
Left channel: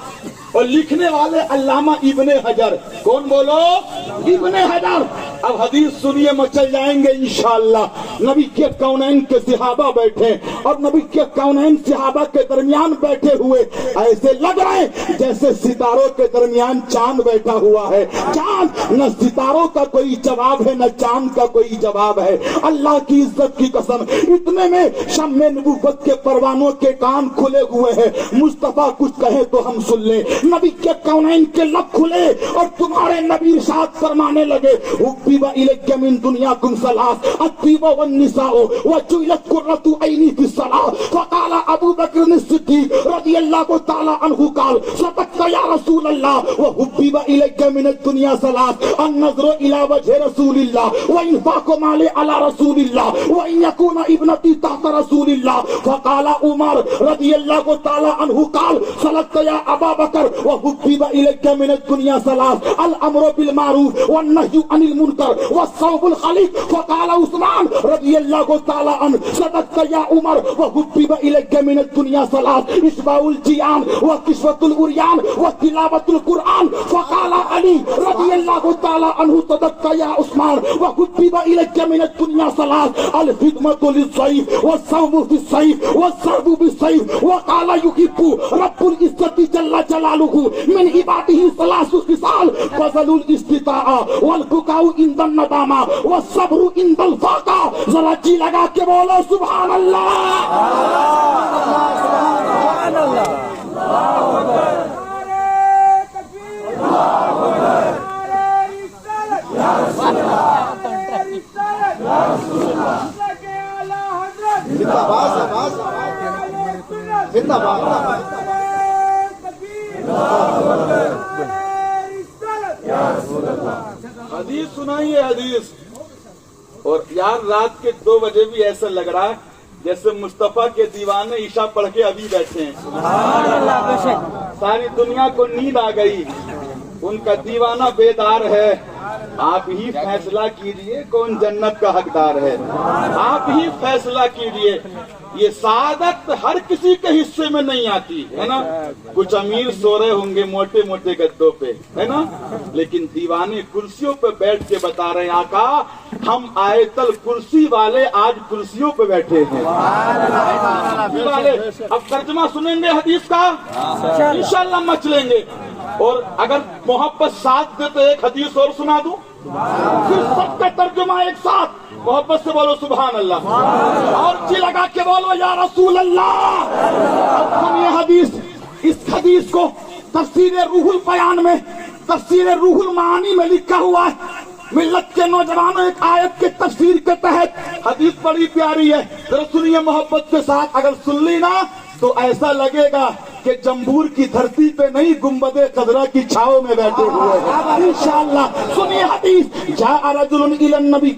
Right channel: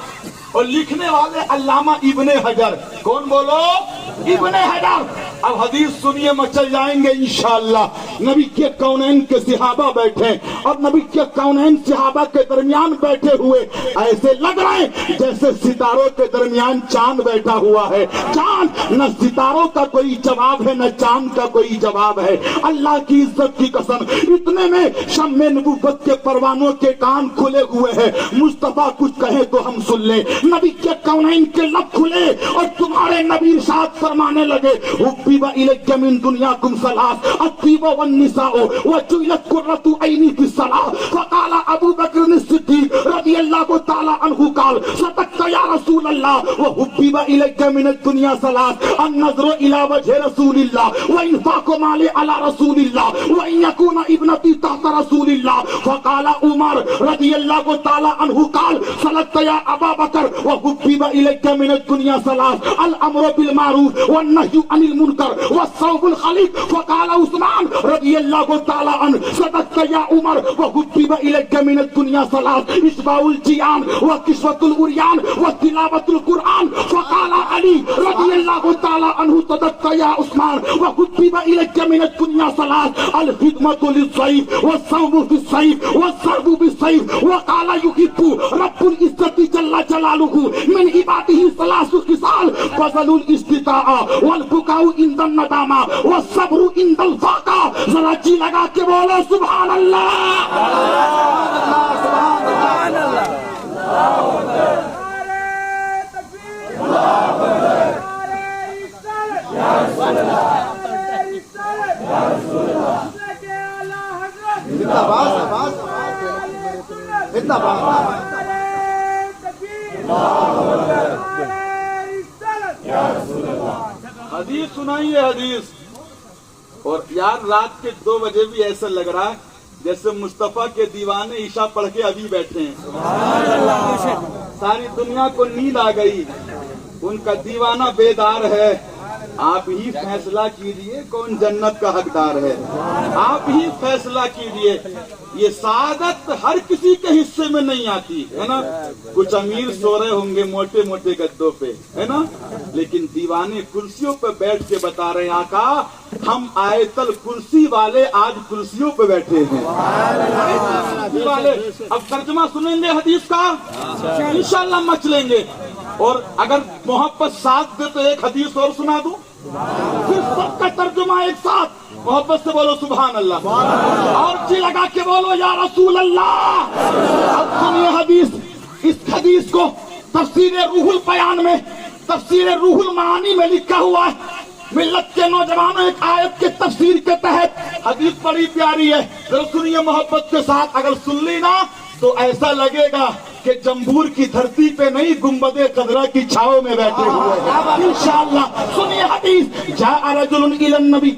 और लिखने वाले अल्लामा इब्ने हजर। कौन बोलो? इब्ने हजर। अब हदीस सुनिए मचल जाएंगे इंशाअल्लाह। नबी के कौनैन के सहाबा बैठे और नबी के कौनैन सहाबा के दरमियान बैठे हुए ऐसे लग रहे जैसे सितारों के दरमियान चांद बैठा हुआ है। चांद न सितारों का कोई जवाब है न चांद का कोई जवाब है। अल्लाह की इज्जत की कसम इतने में शम्मे नबुव्वत के परवानों के कान खुले हुए हैं। मुस्तफा कुछ कहे तो हम सुन लें। नबी के कौनैन के लब खुले और तुम्हारे नबी इरशाद फरमाने लगे हुब्बिबा इलैया मिन दुनियाकुम सलास अत्तीबा वन्निसाउ वजुइलत कुर्रतु ऐनी फिस्सलाह। फकाल अबू बकर सिद्दीक रज़ियल्लाहु ताला अन्हु काल सदक़्ता या रसूल अल्लाह व हुब्बिबा इलैया मिन दुनिया सलास अन-नज़रु इला वजहि रसूलिल्लाह व इन्फाक़ु माली अला रसूलिल्लाह व इन यकूना इब्नती तहत रसूलिल्लाह। फकाल उमर रज़ियल्लाहु ताला अन्हु काल सदक़्ता या अबा बकर व हुब्बिबा इलैया मिन दुनिया सलास अल अम्रु बिल मारूफ व नह्यु अनिल मुनकर व सौबुल खलीक। फकाल उस्मान रज़ियल्लाहु ताला अन्हु सदक़्ता या उमर व हुब्बिबा इलैया मिन दुनिया सलास इस्बाउल जियान व किस्वतुल उरियान व तिलावतुल कुरआन। फकाल अली रज़ियल्लाहु ताला अन्हु सदक़्ता या उस्मान व हुब्बिबा इलैया मिन दुनिया सलास अल खिदमतु लिज़्ज़ईफ व सौबु बिस्सैफ व सर्बु बिस्सैफ। व काल युहिब्बु रब्बुल इज्जति जल्ला जलालुहु मिन इबादिही सलासु खिसाल फज़लुल इस्तिताअ वल बुकाउ इंदन नदामा व सब्रु इंदल फाका। जरा जी लगा के बोलो सुभान अल्लाह। हदीस सुनाइए हदीस। और यार रात के 2 बजे भी ऐसा लग रहा है जैसे मुस्तफा के दीवाने ईशा पढ़ के अभी बैठे हैं। सारी दुनिया को नींद आ गई, उनका दीवाना बेदार है। آپ ہی فیصلہ کیجئے کون جنت کا حقدار ہے، آپ ہی فیصلہ کیجئے۔ یہ سعادت ہر کسی کے حصے میں نہیں آتی ہے نا، کچھ امیر سو رہے ہوں گے موٹے موٹے گدوں پہ ہے نا، لیکن دیوانے کرسیوں پہ بیٹھ کے بتا رہے ہیں آقا ہم آیت الکرسی والے آج کرسیوں پہ بیٹھے ہیں والے۔ اب ترجمہ سنیں گے حدیث کا انشاءاللہ مچ لیں گے، اور اگر محبت ساتھ دے تو ایک حدیث اور سنا دوں، پھر سب کا ترجمہ ایک ساتھ محبت سے بولو سبحان اللہ، اور جی لگا کے بولو یا رسول اللہ۔ اب سنیے حدیث، اس حدیث کو تفسیر روح البیان میں، تفسیر روح المعانی میں لکھا ہوا ہے۔ ملت کے نوجوانوں ایک آیت کے تفسیر کے تحت حدیث بڑی پیاری ہے، ذرا سنیے محبت کے ساتھ، اگر سن لی نا تو ایسا لگے گا کہ جمبور کی دھرتی پہ نہیں گنبد خضرا کی چھاؤں میں بیٹھے ہوئے ہیں انشاءاللہ۔ سنیے حدیث، جاء رجل الی النبی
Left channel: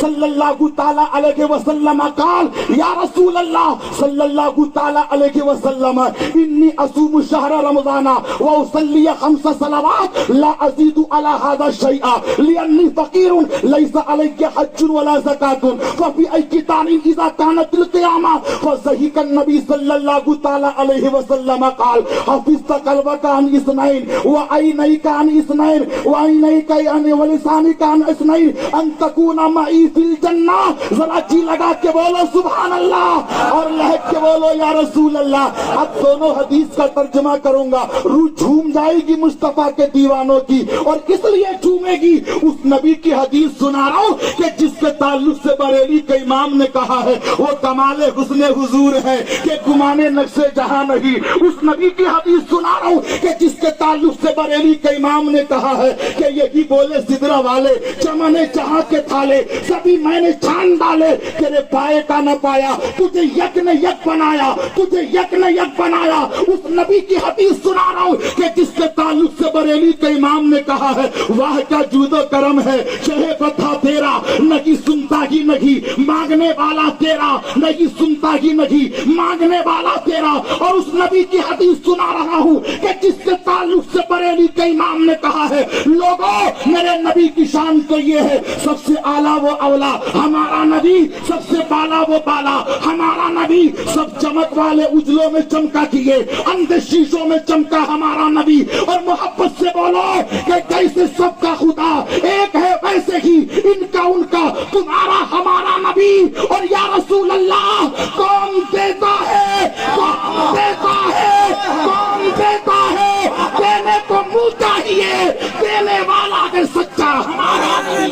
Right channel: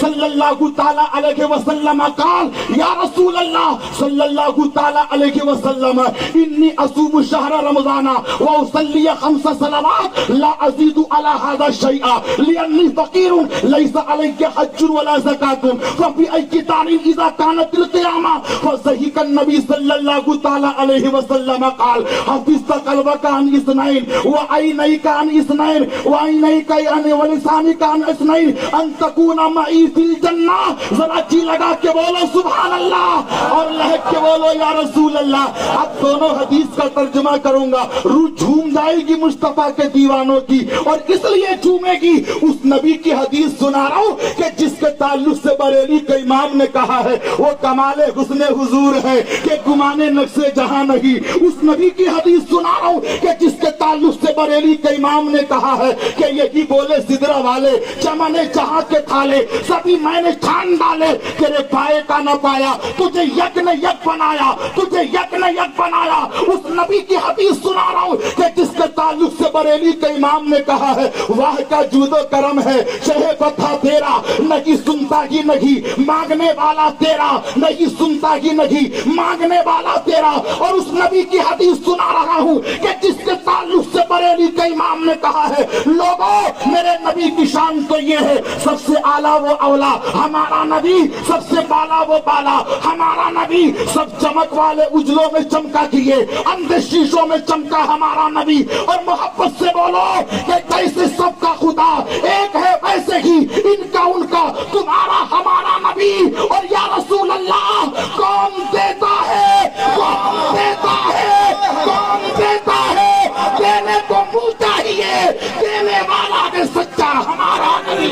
صلی اللہ تعالی علیہ وسلم قال یا رسول اللہ صلی اللہ تعالی علیہ وسلم انی اصوم شہر رمضان واصلی 5 صلوات لا ازید علی هذا شیئا لانی فقیر لیس علی حج ولا زکاة ففی ای تعلیم اذا كانت القیامہ فضحک النبی صلی اللہ تعالی علیہ وسلم قال حفظت قلبك عن اثنين وعينيك عن اثنين وعينيك يعني ولسانك عن اثنين ان تكون معي في الجنة۔ ذرا جی لگا کے بولو سبحان اللہ اور لہک کے بولو یا رسول اللہ۔ اب دونوں حدیث کا ترجمہ کروں گا، روح جھوم جائے گی مصطفیٰ کے دیوانوں کی، اور اس لیے جھومے گی اس نبی کی حدیث سنا رہا ہوں کہ جس کے تعلق سے بریلی کے امام نے کہا ہے وہ کمال حسن حضور ہے کہ گمانے نقش جہاں نہیں۔ اس نبی کی حدیث سنا رہا ہوں کہ جس کے تعلق سے بریلی کے امام نے کہا ہے کہ یہی بولے سدرا والے چمنے جہاں کے تھالے سبھی میں نے چھان ڈالے، تیرے پائے کا نہ پایا، تجھے یک نے یک بنایا، تجھے یک نے یک بنایا۔ اس نبی کی حدیث سنا رہا ہوں کہ جس کے تعلق سے بریلی کے امام نے کہا ہے واہ کا جود و کرم ہے شہ بتا تیرا، نہیں سنتا ہی نہیں مانگنے والا تیرا، نہیں سنتا ہی نہیں مانگنے والا تیرا۔ اور اس نبی کی حدیث سنا رہا ہوں کہ جس کے تعلق سے بریلی کے امام نے کہا ہے لوگوں میرے نبی کی شان تو یہ ہے سب سے اعلیٰ وہ اولا، ہمارا نبی سب سے بالا وہ بالا، ہمارا نبی سب چمک والے اجلوں میں چمکا کیے اندھے شیشوں میں چمکا ہمارا نبی۔ اور محبت سے بولو کہ کیسے سب کا خدا ایک ہے ویسے ہی ان کا ان کا تمہارا ہمارا نبی۔ اور یا رسول اللہ کون دیتا ہے، کون دیتا ہے، کون دیتا ہے، دینے کو منہ چاہیے، دینے والا ہے سچا ہمارا نبی۔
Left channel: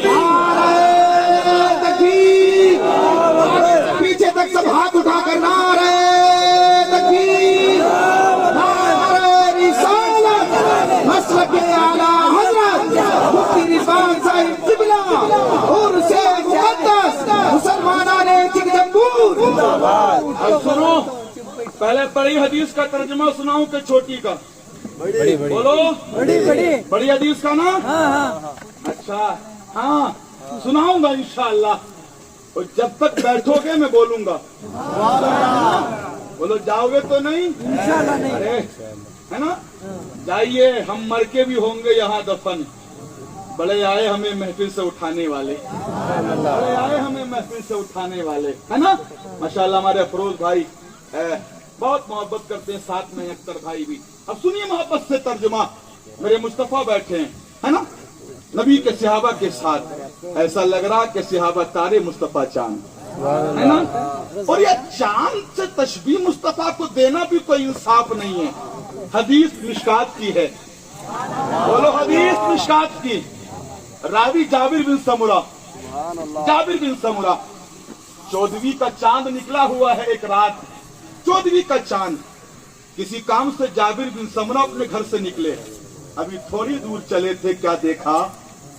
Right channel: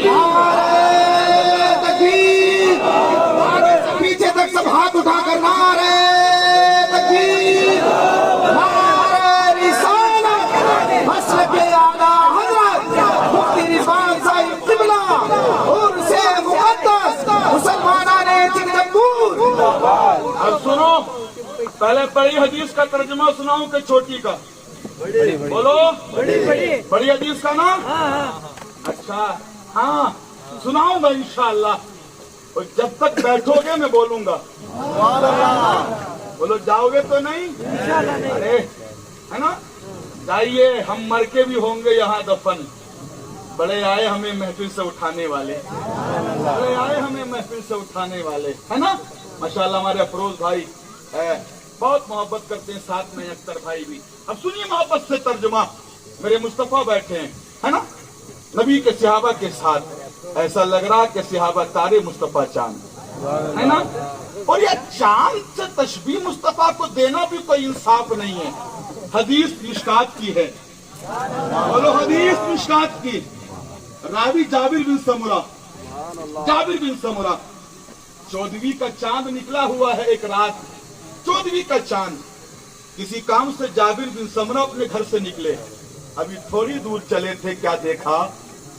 تکبیر، پیچھے تک سب ہاتھ اٹھا کر نعرہ تکبیر، نعرہ رسالت، مسلک اعلیٰ حضرت مفتی رضوان صاحب قبلہ اور سے مقدس مسلمانان جمبور۔ اب سنو، پہلے بڑی حدیث کا ترجمہ سناؤں کہ چھوٹی کا؟ بولو بڑی حدیث کا نا؟ اچھا ہاں سناؤں گا انشاءاللہ، اور جب تک بیٹھو گے میں بولوں گا۔ بولو جاؤ گے تو نہیں؟ ارے ہے نا، جائیے، ہم مر کے بھی ہوں گے یہاں دفن۔ بڑے آئے ہمیں محفل سے اٹھانے والے، بڑے آئے ہمیں محفل سے اٹھانے والے ہے نا۔ ماشاءاللہ ہمارے افروز بھائی بہت محبت کرتے ہیں، ساتھ میں اختر بھائی بھی۔ اب سنیے محبت سے ترجمہ، میرے مصطفیٰ بیٹھے ہیں ہے نا نبی کے صحابہ کے ساتھ، ایسا لگ رہا کہ صحابہ تارے مصطفیٰ چاند ہے نا، اور یہ چاند سے تشبیہ مصطفیٰ کو دینا بھی کوئی انصاف نہیں ہے۔ حدیث مشکات کی ہے، بولو حدیث مشکات کی، راوی جابر بن سمرہ، جابر بن سمرہ، 14ویں کا چاند نکلا ہوا ہے ایک رات، 14ویں کا چاند، کسی کام سے جابر بن سمرہ اپنے گھر سے نکلے، ابھی تھوڑی دور چلے تھے، کیا دیکھا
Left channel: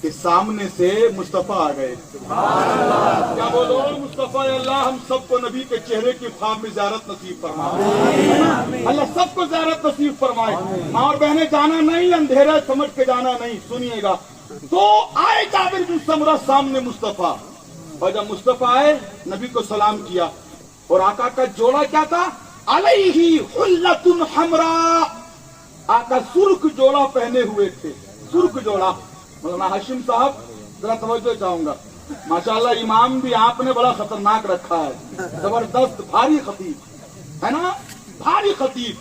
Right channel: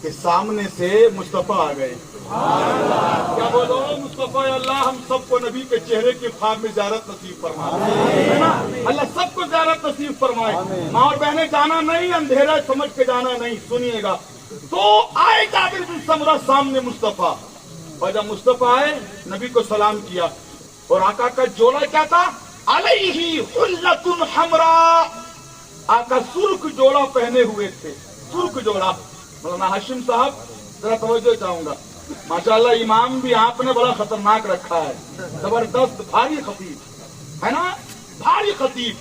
کہ سامنے سے مصطفیٰ آ گئے۔ کیا بولو مصطفیٰ اللہ ہم سب کو نبی کے چہرے کے خواب میں زیارت نصیب فرمائے، اللہ سب کو زیارت نصیب فرمائے۔ ماں اور بہنیں جانا نہیں، اندھیرا سمجھ کے جانا نہیں، سنیے گا۔ تو آئے جابر بن سمرہ سامنے مصطفیٰ، اور جب مصطفیٰ آئے نبی کو سلام کیا، اور آقا کا جوڑا کیا تھا؟ علیہ حلۃ حمراء، آقا سرخ جوڑا پہنے ہوئے تھے، سرخ جوڑا۔ مولانا ہاشم صاحب जरा तवज्जो चाहूंगा। माशाल्लाह इमाम भी आपने बड़ा खतरनाक रखा है, जबरदस्त भारी खतीब है ना, भारी खतीब।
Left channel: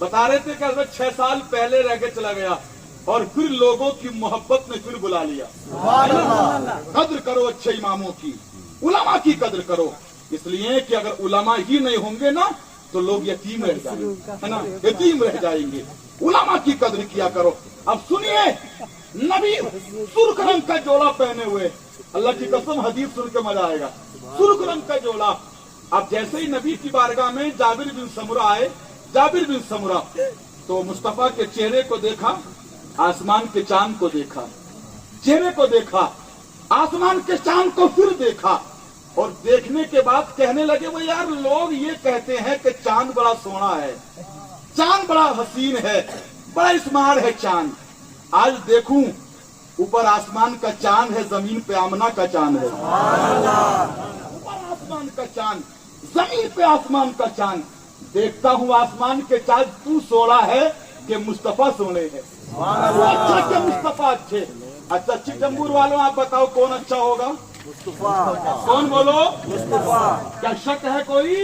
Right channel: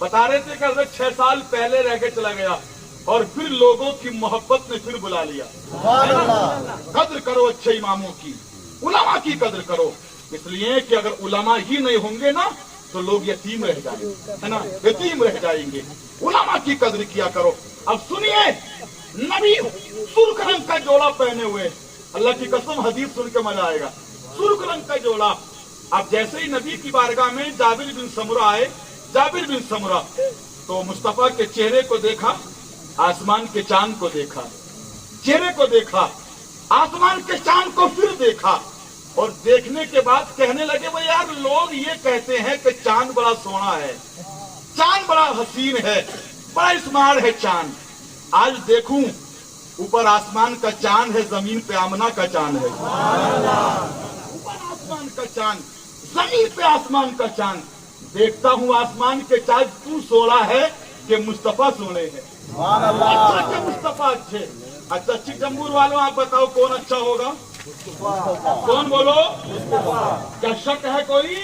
बता रहे थे कि हज़रत 6 साल पहले रह के चला गया और फिर लोगों की मोहब्बत ने फिर बुला लिया। कद्र करो अच्छे इमामों की, उलमा की कद्र करो, इसलिए कि अगर उलमा ही नहीं होंगे ना तो लोग यतीम रह जाएंगे, है ना, यतीम रह जाएंगे। उलमा की कद्र किया करो। अब सुनिए, नबी सुर्ख रंग का जोड़ा पहने हुए, अल्लाह की कसम हदीस सुन के मजा आएगा, सुर्ख रंग का जोड़ा। अब जैसे ही नबी की बारगाह में जाबिर बिन समुरा आए, जाबिर बिन समुरा, तो मुस्तफा के चेहरे को देखा, आसमान के चांद को देखा, चेहरे को देखा, आसमान के चांद को फिर देखा, और देखने के बाद कहने लगे वो यार लोग ये कहते हैं कि चांद बड़ा सोना है, चांद बड़ा हसीन है, बड़ा इस्मार है चांद। आज देखूं ऊपर आसमान का चांद है, जमीन पे आमना का चांद है। ऊपर आसमान का चांद, जमीन पे आसमान का चांद। देखता हूँ आसमान के चांद तू सोना है कि मुस्तफा सोने है। अच्छा के मुस्तफा अच्छे। अच्छा चिकजम्बूर वालों आप बताओ कौन अच्छा होगा? कौन बोलो? क्या शक है कोई?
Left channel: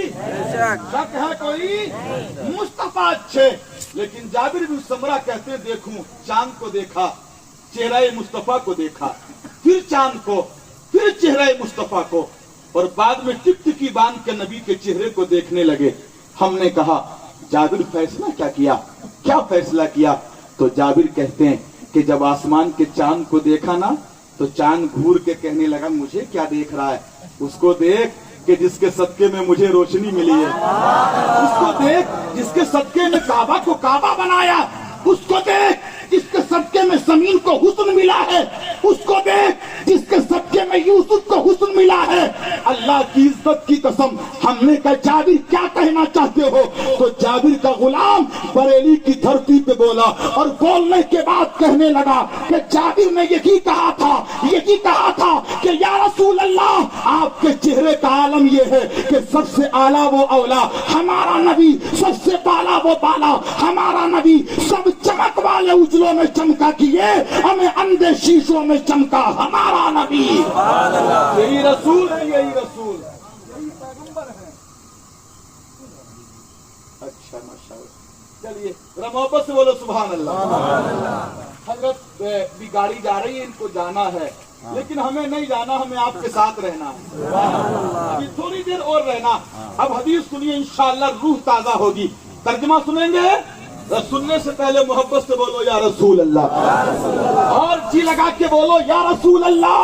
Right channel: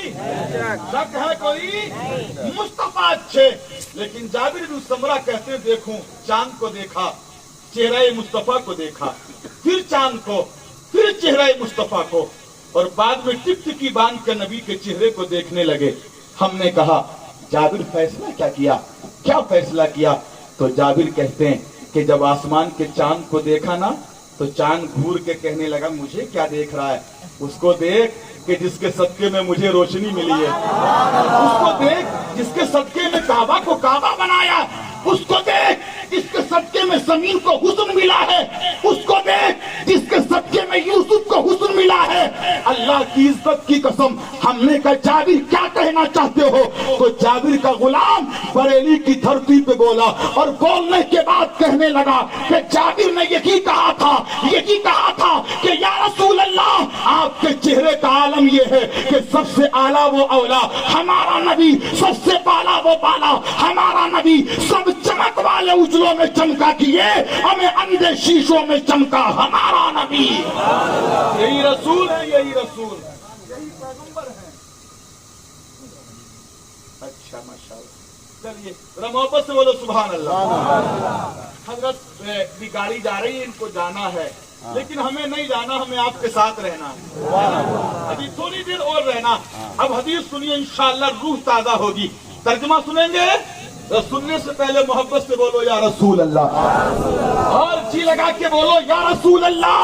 शक है कोई? मुस्तफा अच्छे। लेकिन जाबिर बिन समरा कहते हैं देखूं चांद को देखा, चेहरा मुस्तफा को देखा, फिर चांद को, फिर चेहरा मुस्तफा को, और बाद में टिकटिकी बांध के नबी के चेहरे को देखने लगे। हमने कहा जाबिर फैसला क्या किया? क्या फैसला किया? तो जाबिर कहते हैं कि जब आसमान के चांद को देखा ना तो चांद घूर के कहने लगा मुझे क्या देख रहा है? उसको देख कि जिसके सदके में मुझे रोशनी मिली है, उसको देख जिसके सदके में काबा को काबा बनाया, उसको देख जिसके सदके में जमीन को हुस्न मिला है, उसको देख जिसके सदके में यूसुफ को हुस्न मिला है। अल्लाह की इज्जत की कसम, हमने कहा जाबिर क्या कहना चाहते हो? तो जाबिर का गुलाम बरेली की धरती पे बोला, और बोलने के बाद कहने लगा कि जाबिर ने यही कहा था कि या रसूल अल्लाह आपके चेहरे का आलम ये है कि सबसे आला वो औला हमारा नबी, सबसे बाला वो बाला हमारा नबी, सब चमक वाले उजलों में चमका किए, हमें अंधे शीशों में चमका हमारा नबी। यही रसूल है, यही रसूल, यही पैगंबर है। अच्छा माशाअल्लाह। चलिए जरा मोहब्बत से बोलो सुभान अल्लाह। हजरत की गाड़ी जा रही है, इनको जाना है, लेकिन हमें नहीं जाना, हमें आपके साथ रहना है। अभी थोड़ी देर और रहना। अब हदीस सुनिए, इंशाअल्लाह रूह ताजा होगी। तर्जुमा सुनेंगे, सुनने से पहले मोहब्बत से बोलो या रसूल अल्लाह, और जी लगा के बोलो या रसूल अल्लाह।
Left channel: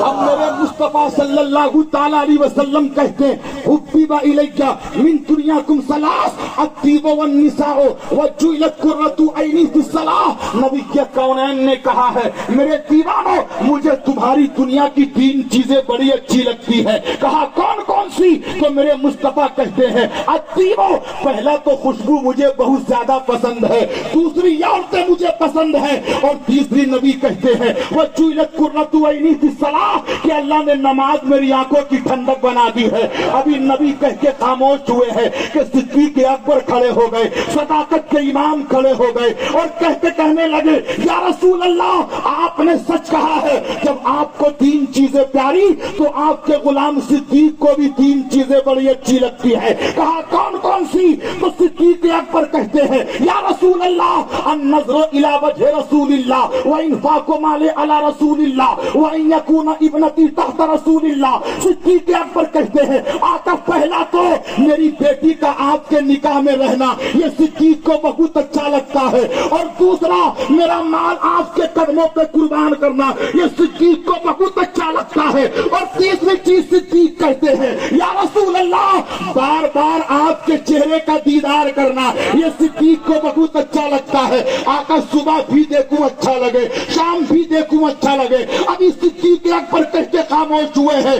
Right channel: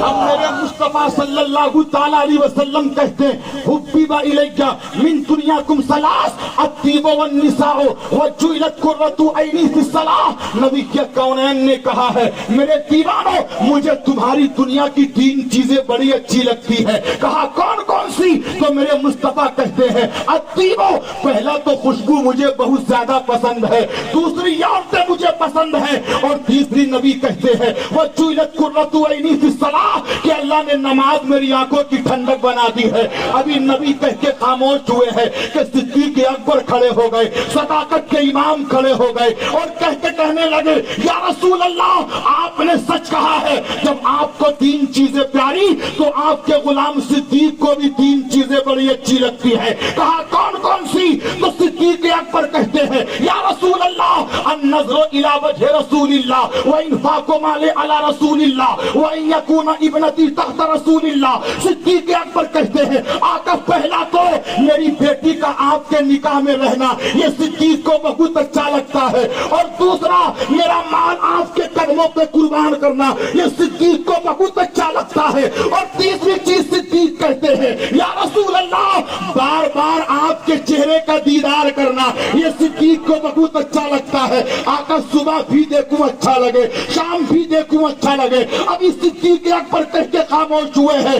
हम मेरे मुस्तफा सल्लल्लाहु ताला अलैहि वसल्लम कहते हैं हुब्बिबा इलैया मिन दुनियाकुम सलास अत्तीबु वन निसाओ व जुइलत कुर्रतु ऐनी फिस सलाह। नबी के कौनैन ने कहा है मेरे दीवानों, मुझे तुम्हारी दुनिया की 3 चीजें बड़ी अच्छी लगती है। कहा कौन कौन सी? तो मेरे मुस्तफा कहते हैं अत्तीबु, पहला तो खुशबू मुझे बहुत ज्यादा पसंद है, दूसरी औरतें मुझे पसंद है, और तीसरी नबी कहते हैं वो जुइलत कुर्रतु ऐनी फिस सलाह, कि अल्लाह ने नमाज मेरी आंखों की ठंडक बना दी है। अभी नबी कह के खामोश हुए हैं कि सिद्दीक अकबर खड़े हो गए, सदाकत के इमाम खड़े हो गए, और कहने लगे या रसूल अल्लाह आपने सच कहा है, जब आपको 3 चीजें प्यारी तो आपके गुलाम सिद्दीक को भी 3 चीजें बड़ी अच्छी लगती है। कहा कौन कौन सी? तो सिद्दीक अकबर कहते हैं या रसूल अल्लाह अन्नज़रु इला वजहि रसूलिल्लाह व इनफाक़ु माले अला रसूलिल्लाह व अन यकून इब्नती तहत रसूलिल्लाह। सिद्दीक अकबर कहते हैं आका पहला तो मेरी बेटी का आपके निकाह में रहना, ये सिद्दीक को बहुत अच्छा लगता है, और दूसरा मेरा माल आपके कदमों पे कुर्बान करना, ये सिद्दीक को बहुत अच्छा लगता है, और तीसरी चीज सिद्दीक कहते हैं या रसूल अल्लाह बार बार आपके चेहरे का दीदार करना, ये सिद्दीक को बहुत अच्छा लगता है। आका सुबह भी देखूं अच्छा लगे, शाम भी देखूं अच्छा लगे। अभी सिद्दीक अकबर कहते खामोश हुए हैं।